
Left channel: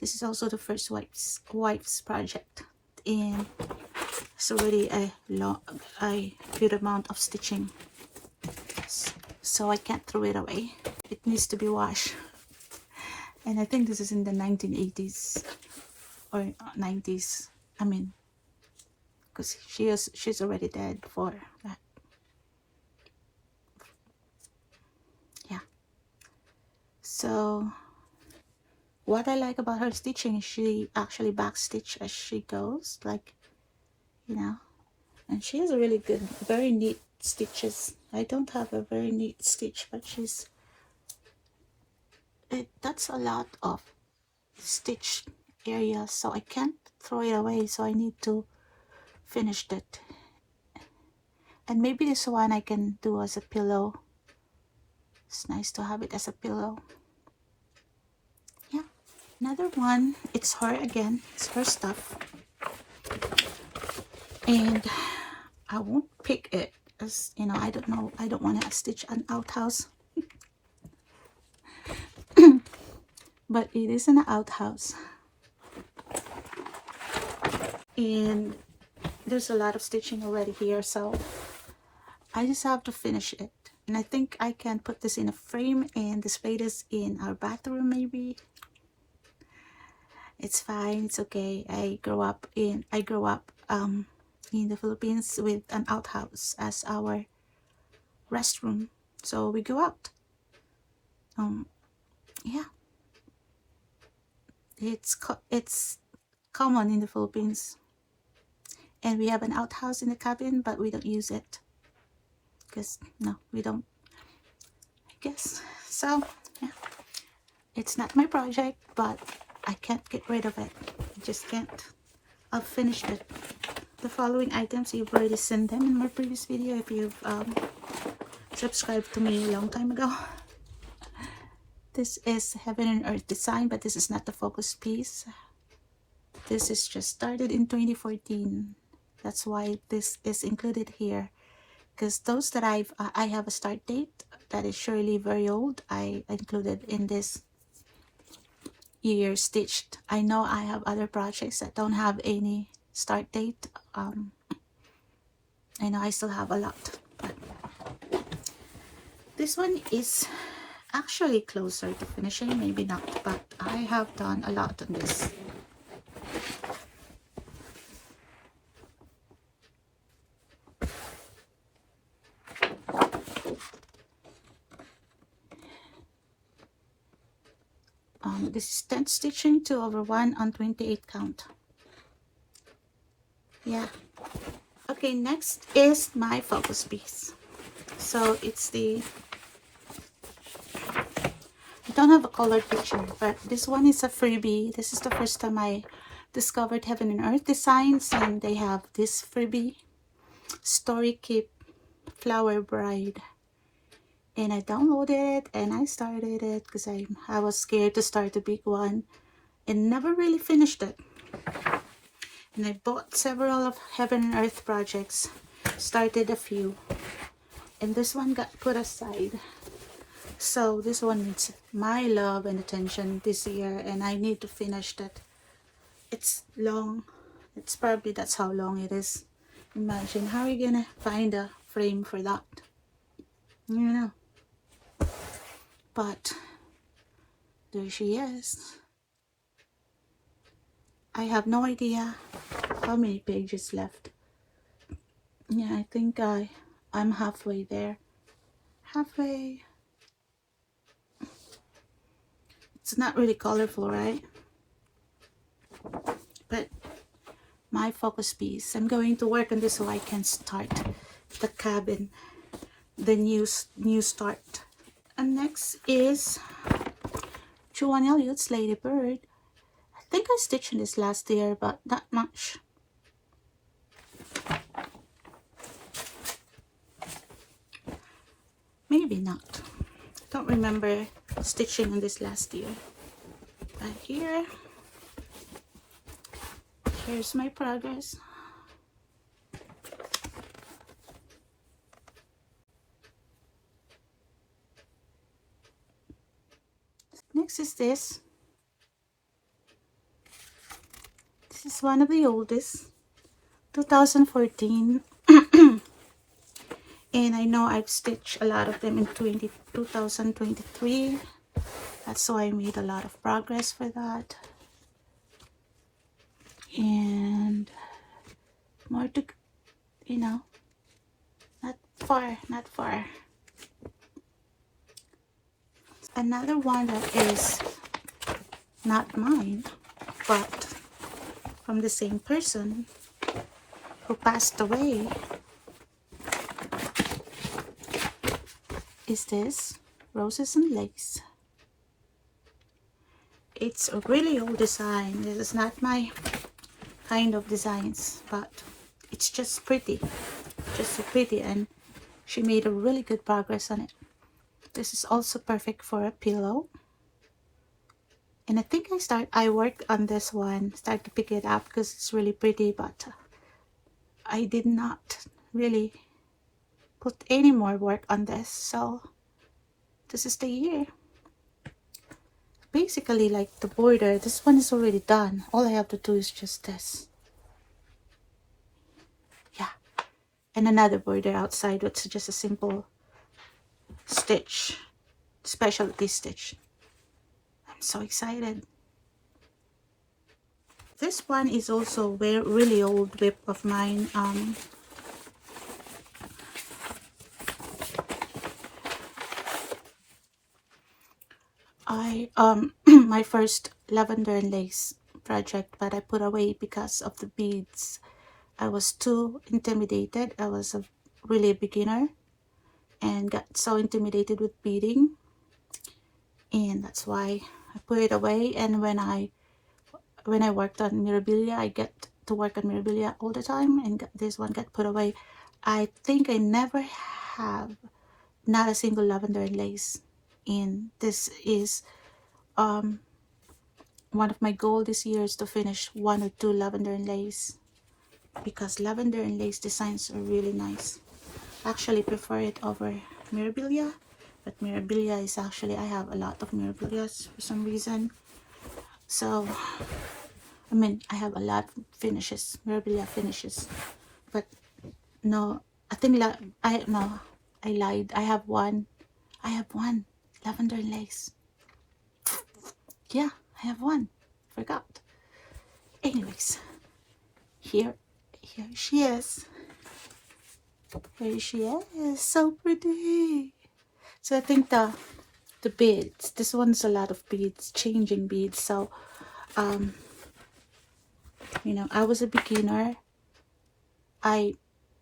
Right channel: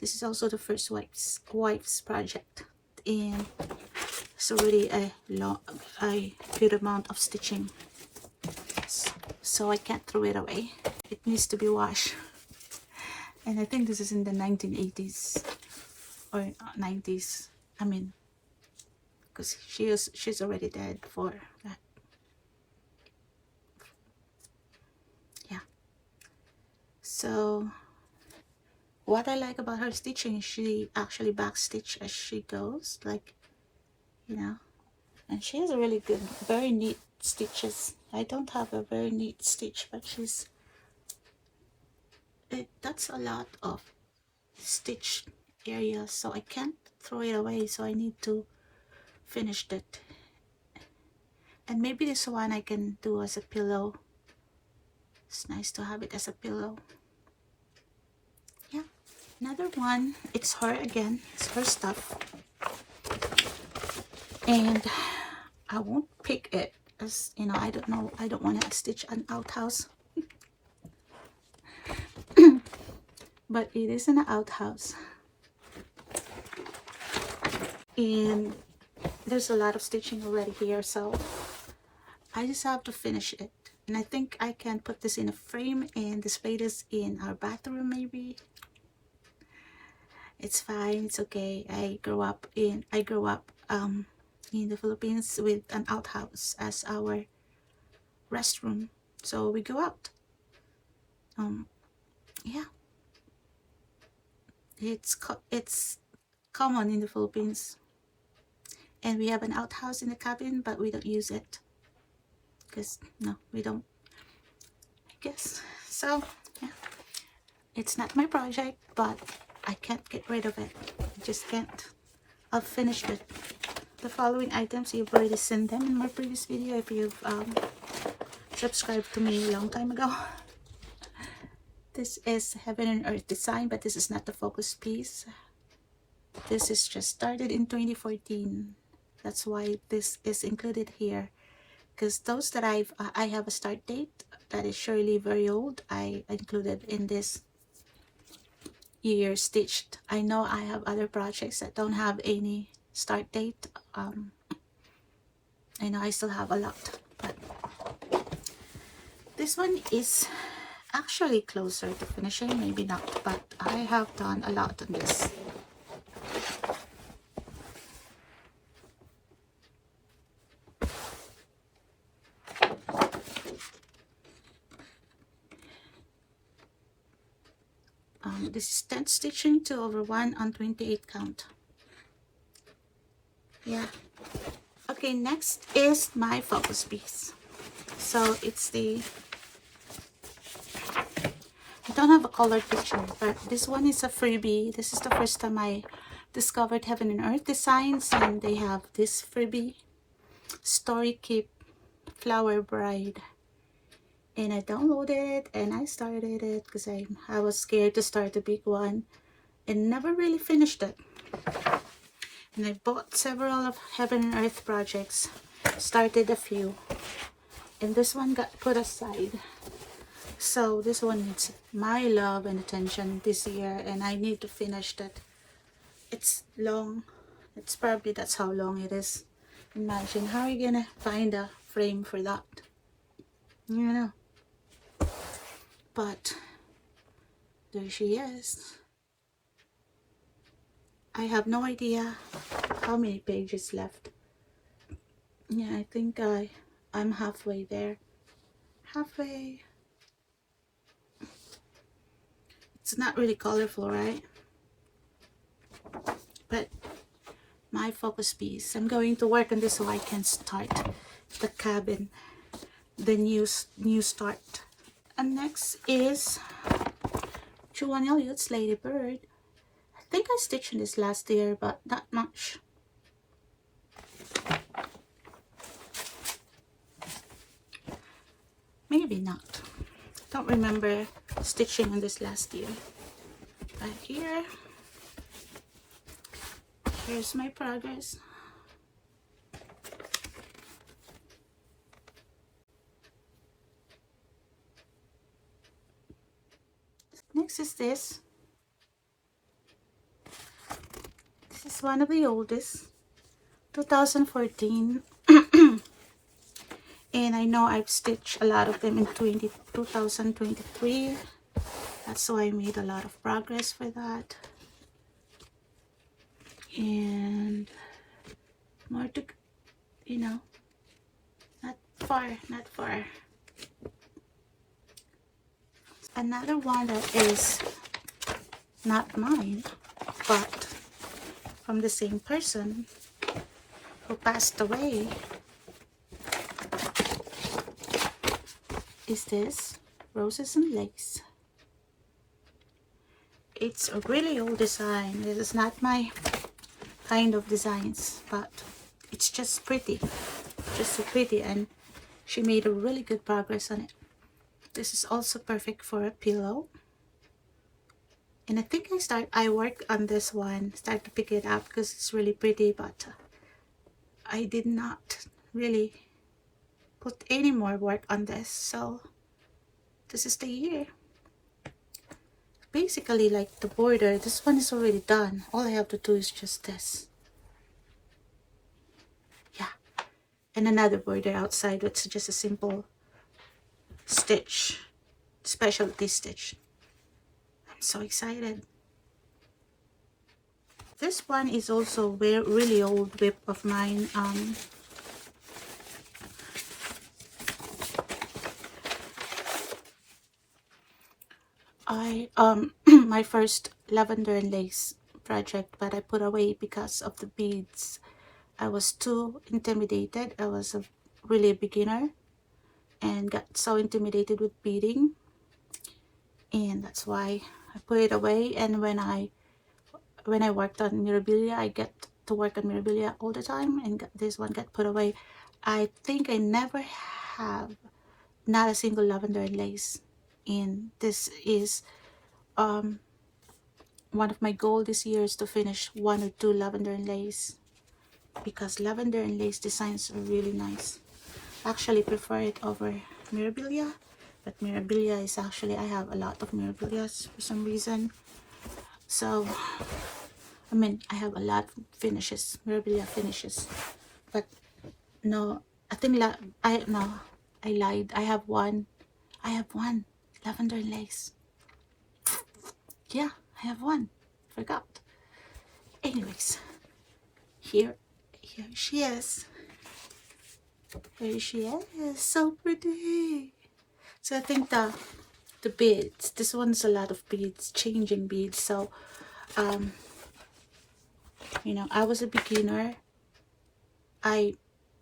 this is also the first WIPS project, and it's already a good amount of stitching, so I can't throw it away. It needs to be washed, and I think this is in the 1980s or 90s. I mean, because she's already dead for that. Yeah. So what I like about her stitching is she actually backstitch as she goes, like, you know, and she has a really good, very neat stitches. I don't have a very neat stitch, but that's a lot of stitch area, so I can't throw it away, so I need to finish that. And maybe this one I can do as a pillow. It's nice to have it as a pillow. Yeah. Another one, it's her again. It's her stuff. And I won't pick it, as you know, I don't want to stitch an outhouse. But it is an outhouse. And there's a lot of stitching already here, so I just have to finish it. And I think I can put this in a frame and display this in our bathroom maybe. It's fine, it's okay. I grew up in the Philippines with an outhouse as our restroom, so we go out. Yeah, it's common in the Philippines, and we have an outhouse in the cabin, but we don't use it because no, we don't, I guess. So yeah, it's not my project, but I can't get rid of it. I just can't. I'll finish it. The following items, you've already seen them in my previous video if you've subscribed to me a long time ago. This is Heaven and Earth design, but this is not the focus piece. This is just started in 2014. That's why this is included here, because those that I have a start date that is surely very old, I included in this year stitched. I know I have other projects that don't have any start date. I know I still have a lot, but this one is actually closer to finishing, maybe not, but I have done a lot on this. this is 10 stitching, 2 over 1 on 28 count. Yeah. Okay, next is my focus piece. So it's the, I don't have a colored picture, but this one is a freebie. This is the first time I discovered Heaven and Earth Designs, and they have this freebie, Story Keep Flower Bride. And I downloaded it and I started it because I was scared to start a big one and never really finished it. And I bought several of Heaven and Earth projects, started a few, and this one got put aside. So this one needs my love and attention this year, and I need to finish that. It's long. It's probably that's how long it is. Imagine how are you gonna find a frame for that? Yeah. But there she is. I have no idea how many pages left. Yeah, I think I'm halfway there. Halfway. It's not really colorful, right? But my focus piece. I'm going to work on this so I can start the cabin, the new start. And next is Joanne Elliott's Lady Bird. I think I stitched this last year, but not much. Maybe not. Don't remember stitching on this last year. And here's my progress. Next is this. This is one of the oldest, 2014. And I know I've stitched a lot of them in 2023. That's why I made a lot of progress for that. And more to, you know, not far. Another one that is not mine, but from the same person who passed away, is this Roses and Lace. It's a really old design. This is not my kind of designs, but it's just pretty, and she made a really good progress on it. This is also perfect for a pillow. And I think I worked on this one, start to pick it up because it's really pretty, but I did not really put any more work on this. So this is the year. Basically, like the border, this one is already done. All I have to do is just this. Yeah. And another border outside, which is just a simple stitch, specialty stitch. I'm so excited. This one is also a really old WIP of mine. My first lavender and lace project, but I put away because of the beads. I was too intimidated. I was a really beginner and got so intimidated with beading, and that's why I put it away. And when I worked on Mirabilia, I get to work on Mirabilia all the time, and this one got put away. I think I never have not a single lavender and lace, and this is one of my goals this year is to finish 1 or 2 lavender and lace, because lavender and lace designs are really nice. I actually prefer it over Mirabilia, but Mirabilia is actually, I have a lot of Mirabilias for some reason. So I mean, I have a lot of finishes, Mirabilia finishes, but no, I think I lied. I have one lavender and lace. Yeah, I have one. Forgot. Anyways, here she is. Here she is. So pretty. So I think the the beads. This one's a lot of beads, changing beads. So you know, I was a beginner. I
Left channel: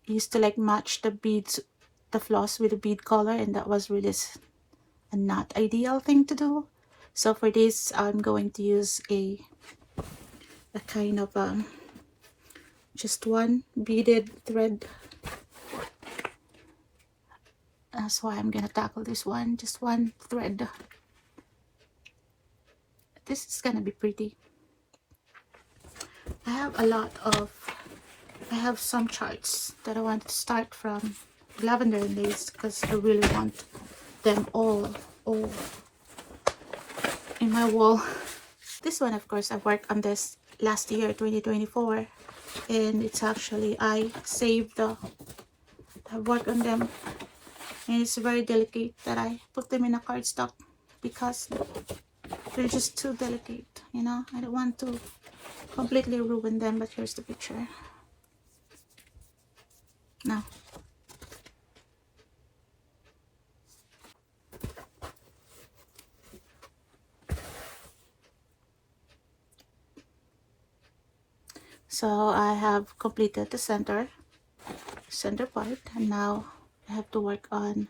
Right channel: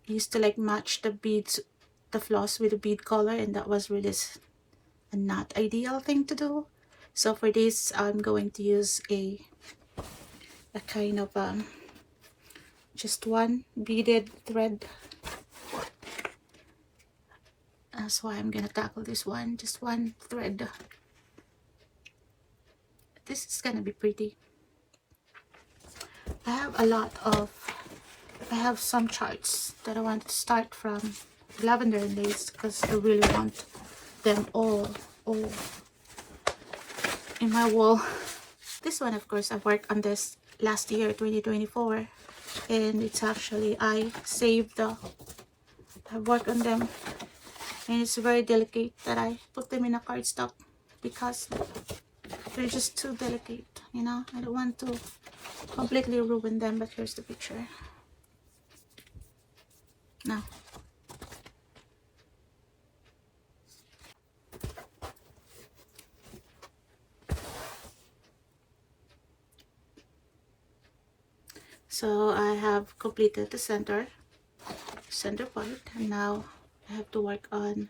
used to like match the beads, the floss with the bead color, and that was really a not ideal thing to do. So for this, I'm going to use a kind of just one beaded thread. That's why I'm gonna tackle this one, just one thread. This is gonna be pretty. I have a lot of, I have some charts that I want to start from lavender and lace because I really want them all in my wall. This one, of course, I worked on this last year, 2024, and it's actually, I saved the, I worked on them, and it's very delicate that I put them in a cardstock because they're just too delicate, you know. I don't want to completely ruin them, but here's the picture. Now, so I have completed the center part, and now I have to work on,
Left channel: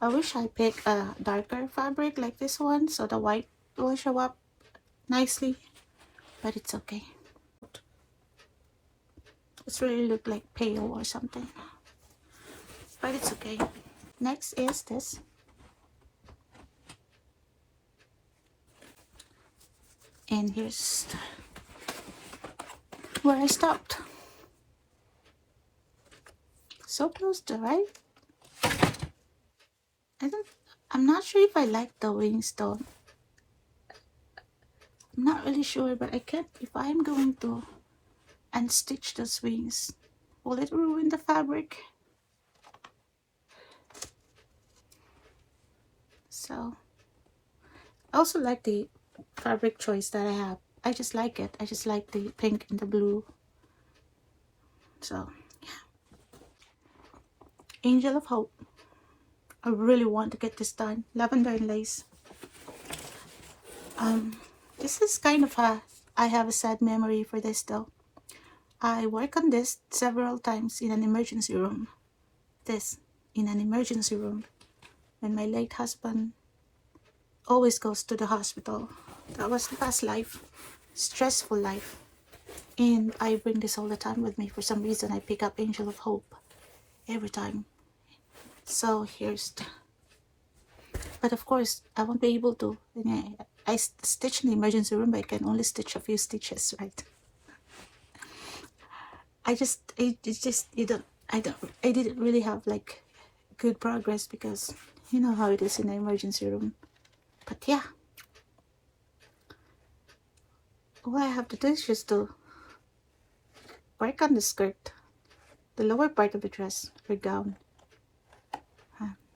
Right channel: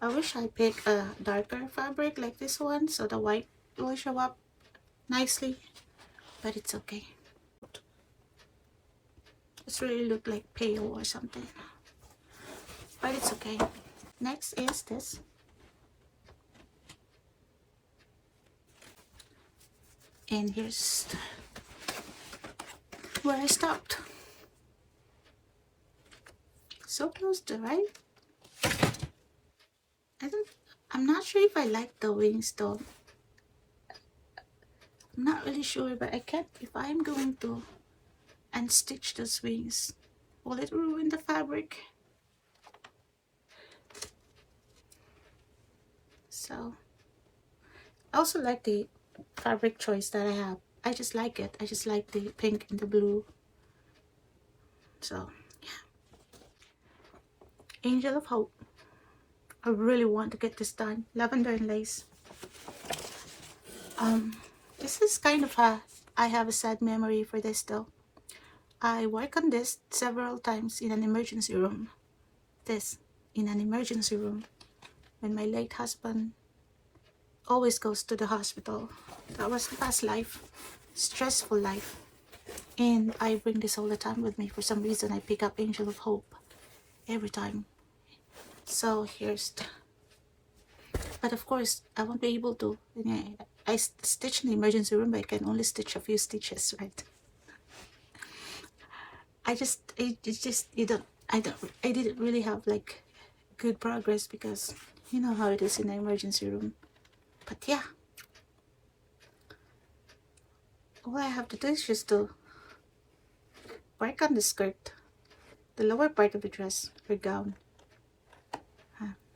I wish I picked a darker fabric like this one so the white will show up nicely, but it's okay. It's really look like pale or something, but it's okay. Next is this. And here's where I stopped. So close to right. I'm not sure if I like the wings though. I'm not really sure, but I can't, if I'm going to unstitch the wings, will it ruin the fabric? So I also like the fabric choice that I have. I just like it. I just like the pink and the blue. So Angel of Hope. I really want to get this done. Lavender and lace. This is kind of I have a sad memory for this though. I work on this several times in an emergency room. This in an emergency room when my late husband always goes to the hospital. That was the past life, stressful life, and I bring this all the time with me. For some reason, I pick up Angel of Hope every time. So here's the, but of course I won't be able to. I stitch in the emergency room, but I can only stitch a few stitches, right? I didn't really have like good progress because you know how it is in the emergency room. But yeah, all I have to do is just to work on the skirt, the lower part of the dress or gown.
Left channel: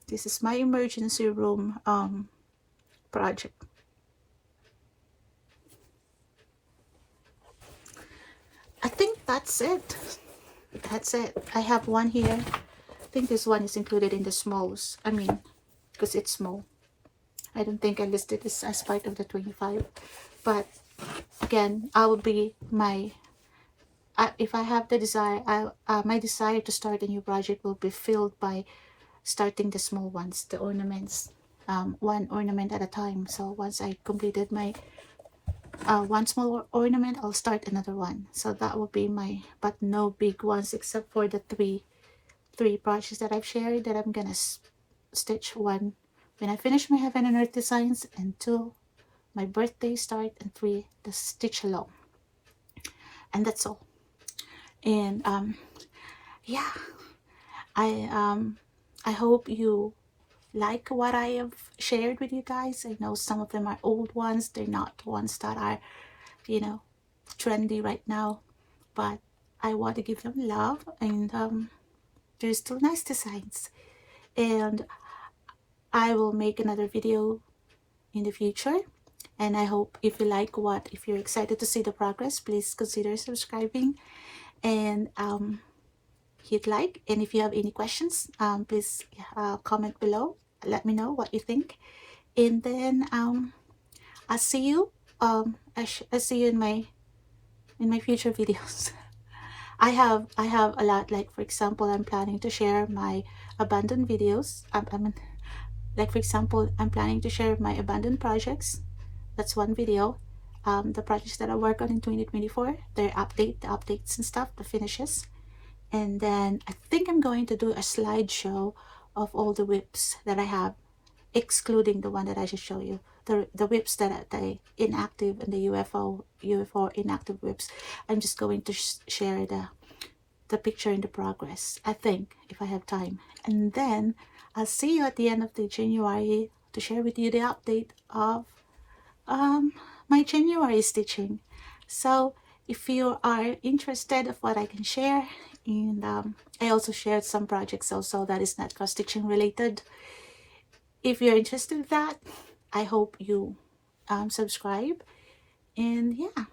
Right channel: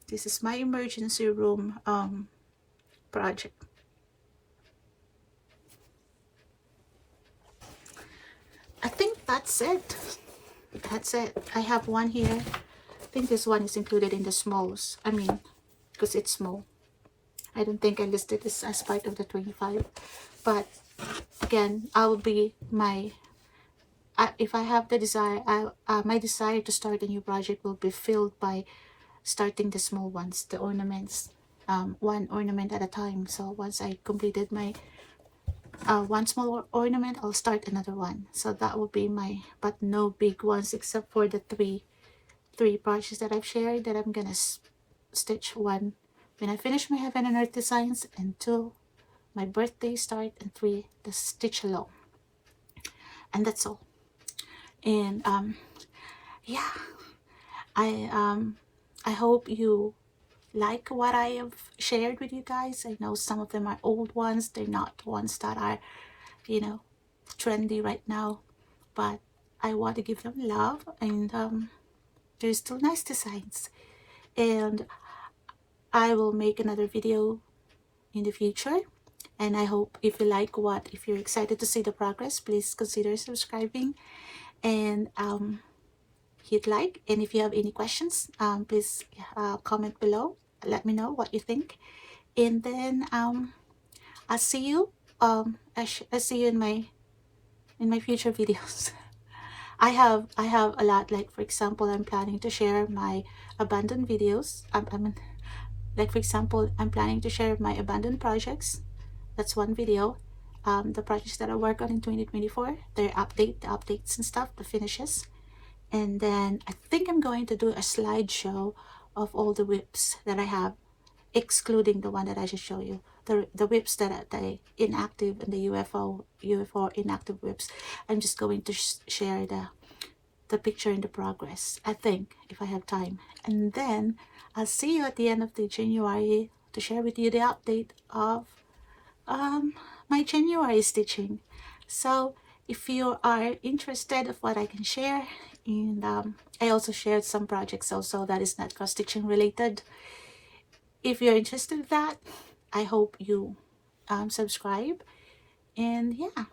This is my emergency room project. I think that's it. That's it. I have one here. I think this one is included in the smalls. I mean, because it's small. I don't think I listed this as part of the 25. But again, I will be my, if I have the desire, my desire to start a new project will be filled by starting the small ones, the ornaments, one ornament at a time. So once I completed my one small ornament, I'll start another one. So that will be my, but no big ones except for the three projects that I've shared that I'm gonna stitch. One when I finish my Heaven and Earth designs, and two my birthday start, and three the stitch along. And that's all. And yeah, I hope you like what I have shared with you guys. I know some of them are old ones, they're not ones that are, you know, trendy right now, but I want to give them love, and they're still nice designs. And I will make another video in the future, and I hope if you like if you're excited to see the progress, please consider subscribing and hit like. And if you have any questions, please comment below. let me know what you think. And then I'll see you I'll see you in my future videos. I have a lot, like for example, I'm planning to share my abandoned videos. Like for example, I'm planning to share my abandoned projects. That's one video. The projects that I work on in 2024, the updates and stuff, the finishes. And then I think I'm going to do a slideshow of all the WIPs that I have, excluding the one that I just showed you. The WIPs that are inactive and the UFO inactive WIPs. I'm just going to share the picture and the progress, I think, if I have time. And then I'll see you at the end of the January to share with you the update of my January stitching. So if you are interested of what I can share, and I also shared some projects also that is not cross stitching related. If you're interested in that, I hope you subscribe. And yeah,